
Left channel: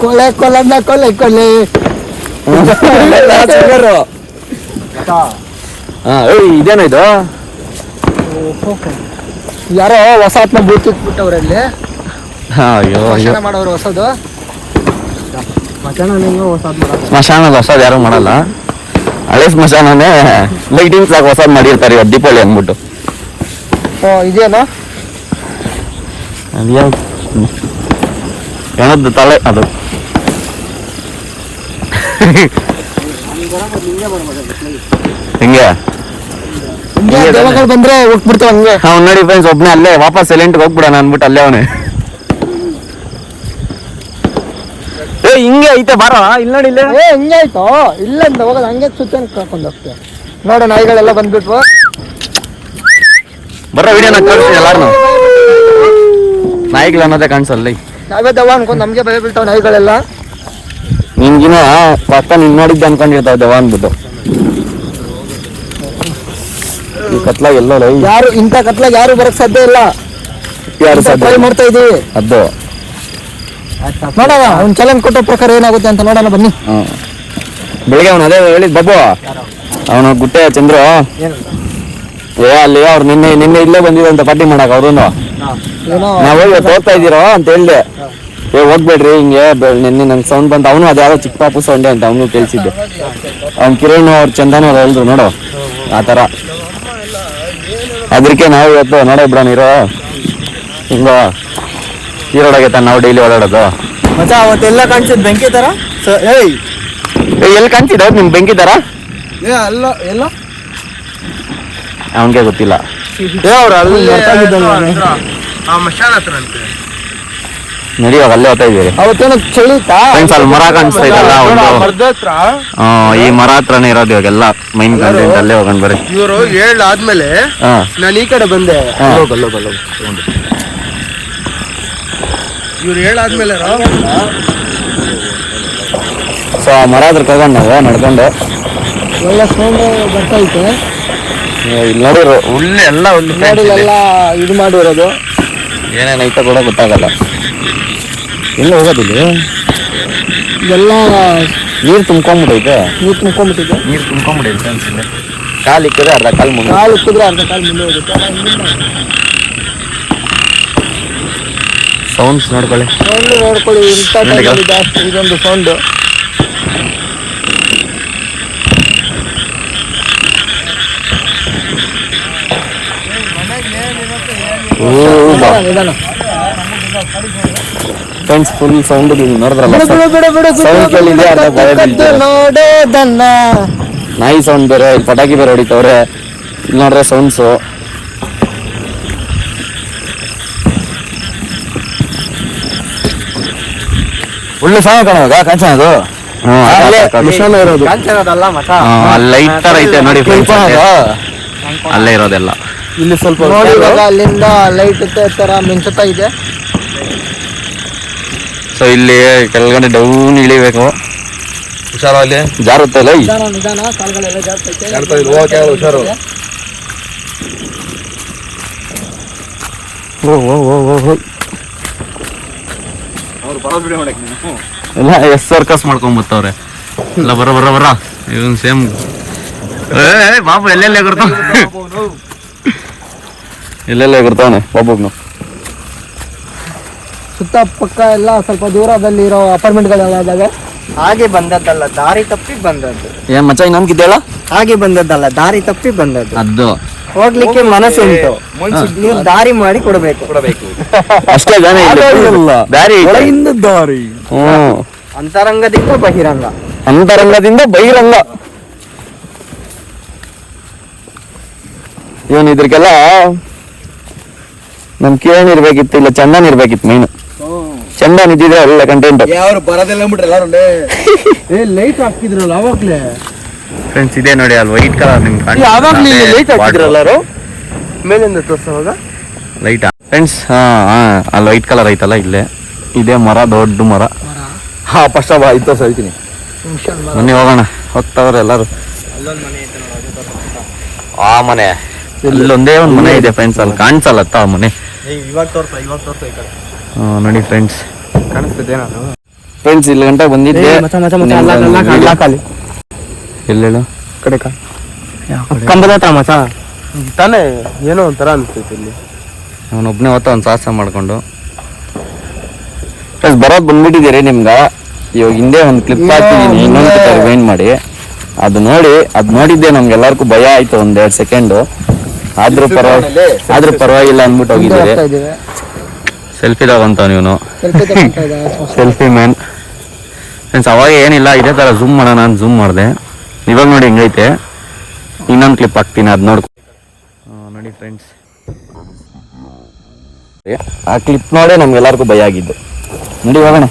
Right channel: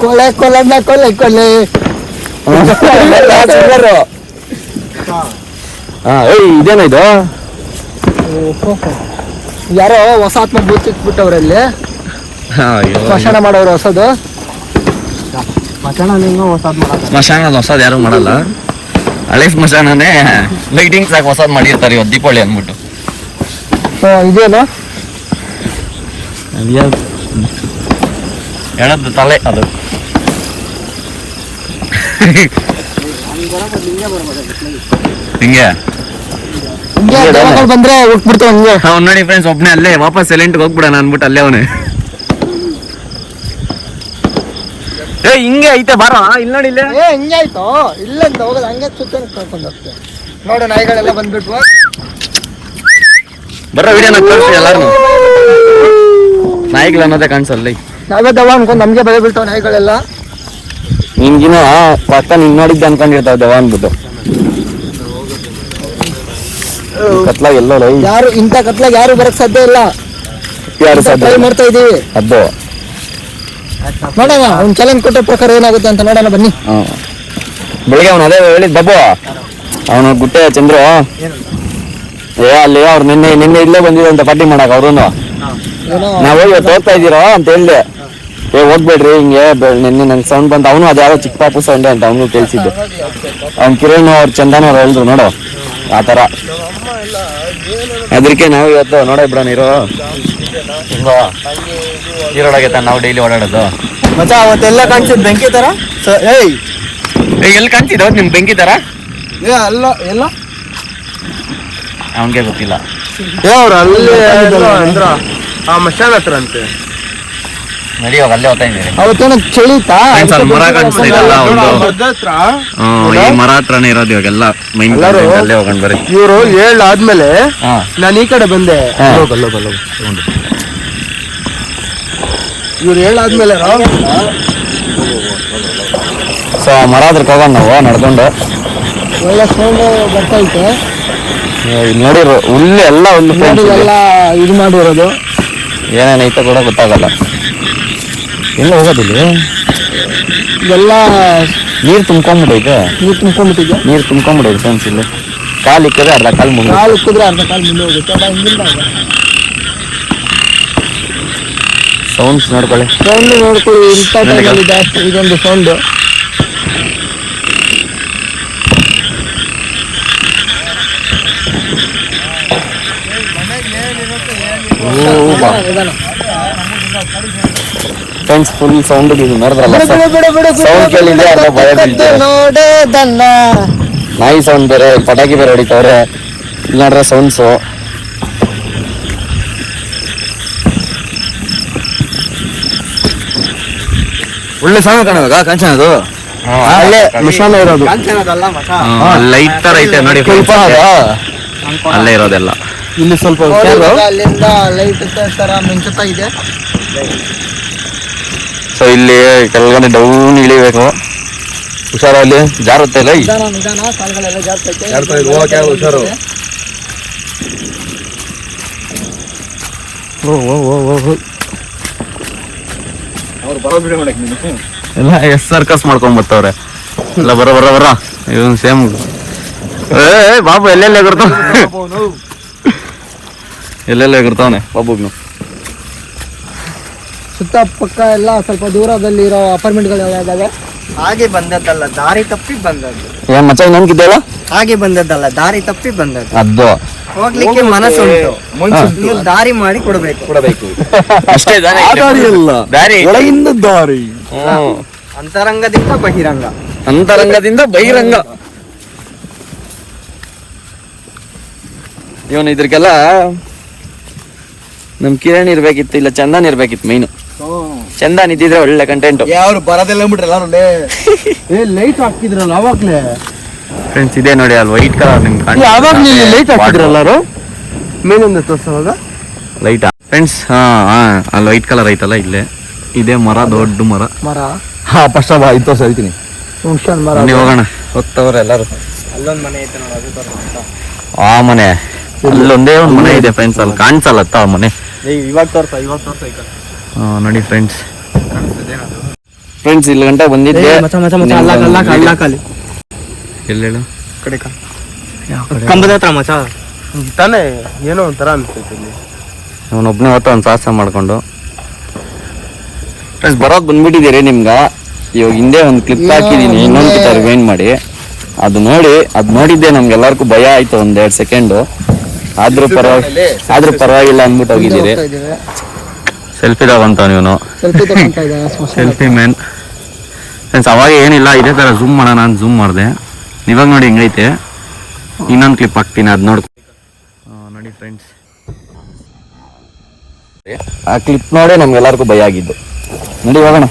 ಕೊಲೆ ಇದೇನು ಇದು? ಯಾರೋ ಹೊಸ ಆತ್ಮ ಬೀಳ್ತಿಟ್ಬಿಟ್ಟವ್ರಲ್ಲಿ. ಸ್ಮಶಾನ ಮಾಡೋರು ಹೊಸದು. ಸ್ಮಶಾನದ ಹೊಸದು ಯಾರು ಮಾಡಲ್ಲ. ಹಳೆ ಸ್ಮಶಾನನೇ ಲೈಟಿಂಗ್ಸ್ ಆಗಿ ಹೊಸದ್ ಮಾಡಿರ್ತಾರೆ ಇವತ್ತು ದೀಪಾವಳಿ ಅಂದ್ಬಿಟ್ಟು. ಇದೇನಾ ಹೆಣದ್ದು ತಲೆ ಅದು. ಹಿಂಗೆ ಹಿಂಗೆ ದೆವ್ವಗಳು ಬಂದ್ರೆ ಹೋಗ್ಬಿಡ್ತೇವೆ ಹಿಂಗೆ. ಅವ್ನು ನೋಡಿ ಫ್ರೆಂಡ್ಸ್ ಒಬ್ನೇ ಅಲ್ಲೇ ವಾಪಸ್ ಸೈಲೆಂಟ್ ಹೋಗ್ಬಿಡೋಣ ಅನ್ಬಿಟ್ಟು ಅಲ್ಲೇ ಅವನೇ. ಏ ಹಿಂಗೆ ಐತೆ ಬಾರೋ ಇಲ್ಲಿ ನೋಡಿ ಇಲ್ಲೇ. ಹಿಂಗೆ ಆಯ್ತು ಇಲ್ಲಿಂದ ಹೋಗೋದು ಹಂಗೆ ಸುತ್ತ ಕರ್ಕೊಂಡು ಹೋಗ್ತೇವೆ. ನೋಡು ನಾಯಿಗಳೆಲ್ಲ ಬಂದ್ಬಿಟ್ವು. ಬರೋ ವಿಡಿಯೋನ ಕಳ್ಸಿ ಎಲ್ಲಾರು. ನಾಯಿಗಳು ಅನ್ನೋದೇ ಕಾಣಿಸಲ್ಲ. ನಾವೇ ದೆವ್ವ ಅನ್ಕೊಂಡು ನಮ್ಗೆ ಭಯ ಬೀಳ್ತಾವ ನಾಯಿಗಳೆಲ್ಲ. ನಿನ್ಗಿನ ಪಕ್ಕ ನಿನ್ ನೋಡಿದ್ದೆ ಅನ್ಕೊಂಡಿರ್ತಾವ ದೆವ್ವ ಅಂದ್ಬಿಟ್ಟು. ಕತ್ಲಾಗ ಎಲ್ಲೋ ಯಾರು ಇಂಥ ಕತ್ಲಾಗ ಯಾರು ಬರಕ್ ಸಾಧ್ಯ ಇಲ್ಲ. ಯಾರು ಟ್ರೈ ಮಾಡ್ತಾ ಇದೀವಿ. ಅದು ನೋಡೋಣ ಒಂದ್ ಚಾಲೆಂಜ್ ಕೊಟ್ಟ ಪ್ರಕಾರ ಏನಾಗುತ್ತೆ ಅಂತ ನೋಡೋಣ ಬನ್ನಿ. ಬೆಳಿಗ್ಗೆ ಅವನು ಅದೇ ಹೇಳಿದ್ ಬಾಬು ಅವನು ಗುಟ್ಟೆ ಚಂದ್ರು ಅಲ್ಲಿ ಅವ್ರು ನಿನ್ನೆ ಇಲ್ಲೇ ಬಂದಿದೆ ಅಂತ ಪಾರ್ಟಿ ಮಾಡಕ್ ಅವ್ರು ಏನೋ ನಾವ್ ಇವತ್ತು ಹೋಗ್ತಾ ಇದೀರೋ ಅಂತ ಹೇಳ್ದೆ. ಹೋಗ್ಬೇಡ್ರಿ ಹಿಂಗೆ ನಿನ್ನೆ ನಂಗೆ ಸೌಂಡ್ ಬಂತ. ಅವನು ಅದ್ಯಾವ ಚಿಕ್ಕ ಪಾಪು ಸೌಂಡ್ ಅಂತ ಅವನು ಕೇಳಿಸಿದ್ದು. ಅವ್ನ್ ಕಿರಣ್ ಅವ್ರ ಚಂದನ್ ಅವ್ರು ಹೇಳಿದ್ರು ನೋಡು ಆತರ. ಅದಕ್ಕೆ ನಾವು ಇವತ್ತು ನೋಡೋಬ್ರ ನೀರು ಇಲ್ಲ ನೀರೋಡಾಗೈತ ನಾವು ಡೈಲಿ ಓಡಾಡೋದು. ಮಚ್ಚ ಅವತ್ತೆಲ್ಲ ಕಾಣಿಸಿದ್ ಬೆಂಕಿ ತರ. ಎಲ್ಲಿ ಕಾಣಿಸಿದ ನಿಮ್ ಬೆಂಕಿ ತರ? ಅಲ್ಲ ಎಲ್ಲ ಅವನ್ಗೆ ಗೊತ್ತಿಲ್ಲ. ಮಶಾಲ ಹತ್ರ ಅಂತೆ ನಡಿ ಇವಾಗ ಅಲ್ಲೇ ಹೋಗ್ತಾ ಇದ್ದೀರಿ ಚಳಿತಾ ಫ್ರೆಂಡ್ಸ್. ಅಲ್ಲಿ ಮರ ಕಾಣಿಸ್ತಾ ಇದಲ್ಲ ಒಂದು ಈ ಮರ ಹತ್ರನೇ ಇರೋದು ಇವಾಗೆಲ್ಲ ಮೈನ್ ಕಂಟೆಂಟ್. ಅಲ್ಲೇ ಹೋಗೋಣ ಬರ್ರಿ. ಇವರು ಹೇಳಾದ್ಮೇಲೆ ನಾನು ಈ ಕಡೆ ಬಂದೆ. ಇವ್ರು ಹೇಳಾದ್ಮೇಲೆ ಸೊ ಮರ ಹತ್ರಕ್ಕೆ ಹೋಗೋಣ ನಾವು ನಡ್ಕೊಂಡು. ಒಳ್ಳೆ ಸೌಂಡ್ ಬರ್ತೈತೆ. ಇಲ್ಲಿ ನೋಡಿರೋ ಇಲ್ಲೇ ಎಲ್ಲ ಒಂದು ಫ್ರೆಂಡ್ಸ್ ಇದೆ. ಇದು ಮಾಡಿರೋದು ಏನೇನೈತೆ ಕೂಡ ಗೊತ್ತಾಗಲ್ಲ. ಎಲ್ಲ ಹೋಗೋದಿಲ್ಲ. ಇದೆಲ್ಲ ನೀರು ತುಂಬ್ಕೊಂಡ್ಬಿಟ್ಟೈತೆ. ನೀರು ತುಂಬ್ಕೊಂಡ್ಬಿಟ್ಟಿದೆ. ನೀರು ತುಂಬ್ಕೊಂಡ್ಬಿಟ್ಟೈತೆ ಫ್ರೆಂಡ್ಸ್. ಇಲ್ಲಿ ಕಾಲು ಇಕ್ಕಿದ್ರೆ ಅರ್ಧ ಕಾಲು ಮುಂದೆ. ಕಾಲು ಇಕ್ಕಿದ್ರೆ ಅರ್ಧ ಕಾಲು ಮುಂದೆ ಹೋಗುತ್ತೆ. ಸೌಂಡ್ಸ್ ನೋಡ್ಕೊಳ್ಳಿ. ಸೌಂಡ್ ನೋಡ್ಕೊಳ್ಳಿ. ಇದೊಂದು ಸೌಂಡ್. ಫ್ರೆಂಡ್ಸ್ ಫುಲ್ ಸೌಂಡ್ ನೋಡಿದ್ರಲ್ಲ. ಸೌಂಡ್ ಕೇಳಿದ್ರೆ ಅರ್ಧ ಭಯ ಬೀಳ್ತಾರೆ. ನೋಡೋದಲ್ಲ ನಾಯಿ ಸೌಂಡ್ ಬೇರೆ, ಪಟಾಕಿ ಬೇರೆ ಹೊಡಿತವ್ರೆ. ಇಲ್ಲಿ ನೋಡ್ರೆ ಸೌಂಡ್ಸು. ಒಳ್ಳೆ ಸಣ್ಣ ಕಾಣುವಾಗ ಕಾಂಚನದು ಅಲ್ಲೇ ಮಿಷನ್ ಇರೋದು. ಲೈಟ್ ತರ ಐತೆ ನೋಡಿ ಫ್ರೆಂಡ್ಸ್. ಅಲ್ಲೇ ಇರೋದೆಲ್ಲ. ಇಲ್ಲಿ ಸ್ವಲ್ಪ ಅಲ್ಲಿಂದ ಲೈಟ್ ತರ ಮಿಂಚುತ್ತಾ ಇದೆ. ಸೊ ಇಲ್ಲಿ ಕೆಳಗಡೆ ಡೌನ್ ಇಳಿಬೇಕು. ಹುಷಾರಲ್ಲಿ ಜಾರುತ್ತೆ ಇಲ್ಲ. ನಿಧಾನ ಕಾಲುಗಳೆಲ್ಲ ಜಾರ್ತೈತೆ. ಹುಷಾರು. ಎಲ್ಲ ಎಸ್ ಸರ್ಕಸ್ ಮಾಡ್ಕೊಂಡ್ ಬರ್ತವ್ರೆ ಎಲ್ಲ. ಬರ ಇವನ್ ಸೇಮ್. ಬಾಬು ಎಲ್ಲೆಲ್ಲೇ ಕೊಡ್ತಾವ ಎಲ್ಲೆಲ್ಲೇ ಕೊಡ್ತಾವನೆ ಬಾಬುಗ್ನು. ಸುತ್ತ ಪಕ್ಕ ಎಲ್ಲ ಸ್ವಲ್ಪ ದೂರದಲ್ಲಿ ಇರೋ ಅಪಾರ್ಟ್ಮೆಂಟ್ಗಳೆಲ್ಲ ಇದಾವೆ. ಹಾಗೆ ಬಂದದ್ದಲ್ಲ, ದಾರಿ ತಪ್ಪಿ ಬಂದದ್ದು. ಏನ್ ಮಚ್ಚ ಇನ್ನೊಂದಿದೆಯಲ್ಲ? ಹಾಗೆ ಬಂದದ್ದಲ್ಲ, ದಾರಿ ತಪ್ಪಿ ಬಂದದ್ದು. ಅದು ಹೋಗ್ಲಿಕ್ಕೆ ಮನಸ್ಸುಂಟು, ನೀವು ದಾರಿ ಮಾಡಿ ಕೊಡಬೇಕು. ಅಷ್ಟೇ. ದಾರಿ ಒಳಗಿಂದ ದಾರಿ. ಅಂತರಂಗದಿಂದ ಬಹಿರಂಗ. ಅಂತರಂಗದಿಂದ ಬಹಿರಂಗ. ಇವನ್ ಇದ್ರಕ್ಕೆಲ್ಲ ನಮ್ ಕಿರಣ್ ಇರ್ಬೇಕಿತ್ತು, ಇಲ್ಲ ಚಂದನ್ ಇರ್ಬೇಕಿತ್ತು. ಮೈನ್ ಚಂದನ್ ಇದ್ದಿದ್ರೆ ಒಳ್ಳೆ ಕಂಟೆಂಟ್. ಯಾರು ಬರೋದಿಲ್ಲ ಬಿಟ್ರಲ್ಲ. ಲೈಟ್ ಹಾಕಿದ್ರಲ್ಲ ಅವಾಗ್ಲೇ ಫ್ರೆಂಡ್ಸ್. ಇದೆ ನೋಡಿ ಅಲ್ಲಿ ವೈಟ್ ಕಲರ್ ನಿಮ್ಗೆ ಲೈಟ್ ಫ್ರೆಂಡ್ಸ್. ಅಲ್ಲಿ ವೈಟ್ ಕಲರ್ ಐತಲ್ಲ ಇಲ್ಲೇ ಇದೆ ಮರ, ದೊಡ್ಡ ಮರ. ಫಸ್ಟ್ ಆಯ್ತು ಹೇಳ್ತೀನಿ. ಬನ್ನಿ ಹೋಗೋಣ. ಹೋಗ್ತವ್ರೆ ಎಲ್ಲಾರು. ಆ ಮನೆ ಅಲ್ಲೊಂದೇ ಒಂದ್ ಮನೆ ಇದೆ ಫ್ರೆಂಡ್ಸ್. ಅಲ್ಲಿ ಕಾಣಿಸಲ್ಲತ್ತ ಆ ಮನೆ. ಇವಾಗ ತೋರ್ಸ ನೋಡಿ ಫ್ರೆಂಡ್ಸ್. ಫ್ರೆಂಡ್ಸ್ ಇಲ್ಲಿ ಗಂಟ ಬಂದಿದ್ದೆ. ಎಲ್ಲೇಳು ಕಂಬದ ಹತ್ರ ಮಚ ತಾನೇ ಏನೋ ಒಂಥರ ಅನ್ಸ್ತೈತೆ ಇಲ್ಲಿ. ಅವನೊಬ್ನೇ ಹೊತ್ತ ಒಂದ್ ಸಾಹಸ ಮಾಡ್ಕೊಂಡು ಫ್ರೆಂಡ್ಸ್ ಬರೋದ್ ಬಂದ್ಬಿಟ್ಟಿದ್ದೀರಿ. ನಿಮ್ಗ ಇವಾಗ ಹಿಂದೆ ಒಂದು ಕ್ಲಿಪ್ ಹಾಕಿದೀನಿ, ಇನ್ನೊಂದು ಕ್ಲಿಪ್ ರಿವೈಂಡ್ ಮಾಡಿ. ಅದು ನೋಡಿದ್ದೆ ನಮ್ಗೆಲ್ಲರಿಗೂ ಭಯ ಆಯ್ತು ಒಂದ್ 2 ಸೆಕೆಂಡು. ಆದ್ರೂ ಪರವಾಗಿಲ್ಲ ಅಂದ್ಬಿಟ್ಟು ಹೋಗಿದ್ದೀರಿ. ಸೆಲ್ಫಿ ತಗೊಂತಾವ ನೀನು. Selfie man friends. ಅವಾಗ ಏನಿಲ್ಲ, ಇದೇ ತರ ಝೂಮ್ ಮಾಡೋಣ ಅಂತ ಝೂಮ್ ಮಾಡಿದೆ. ಇವಾಗ ನೋಡಿ ಹೆಂಗೈತೆ. ಇನ್ನೊಂದು ಕ್ಲಿಪ್ ಹಾಕ್ತೀನಿ, ಅದ್ ನೋಡ್ಕೊ. ನೋಡಿ ಫ್ರೆಂಡ್ಸ್, ಆ ಕ್ಲಿಪ್ ನೋಡೇ ನಮ್ಗೆಲ್ಲರಿಗೂ ಭಯ ಆಗಿದ್ದು. ನೋಡಿ ಹೋಗೋಣ.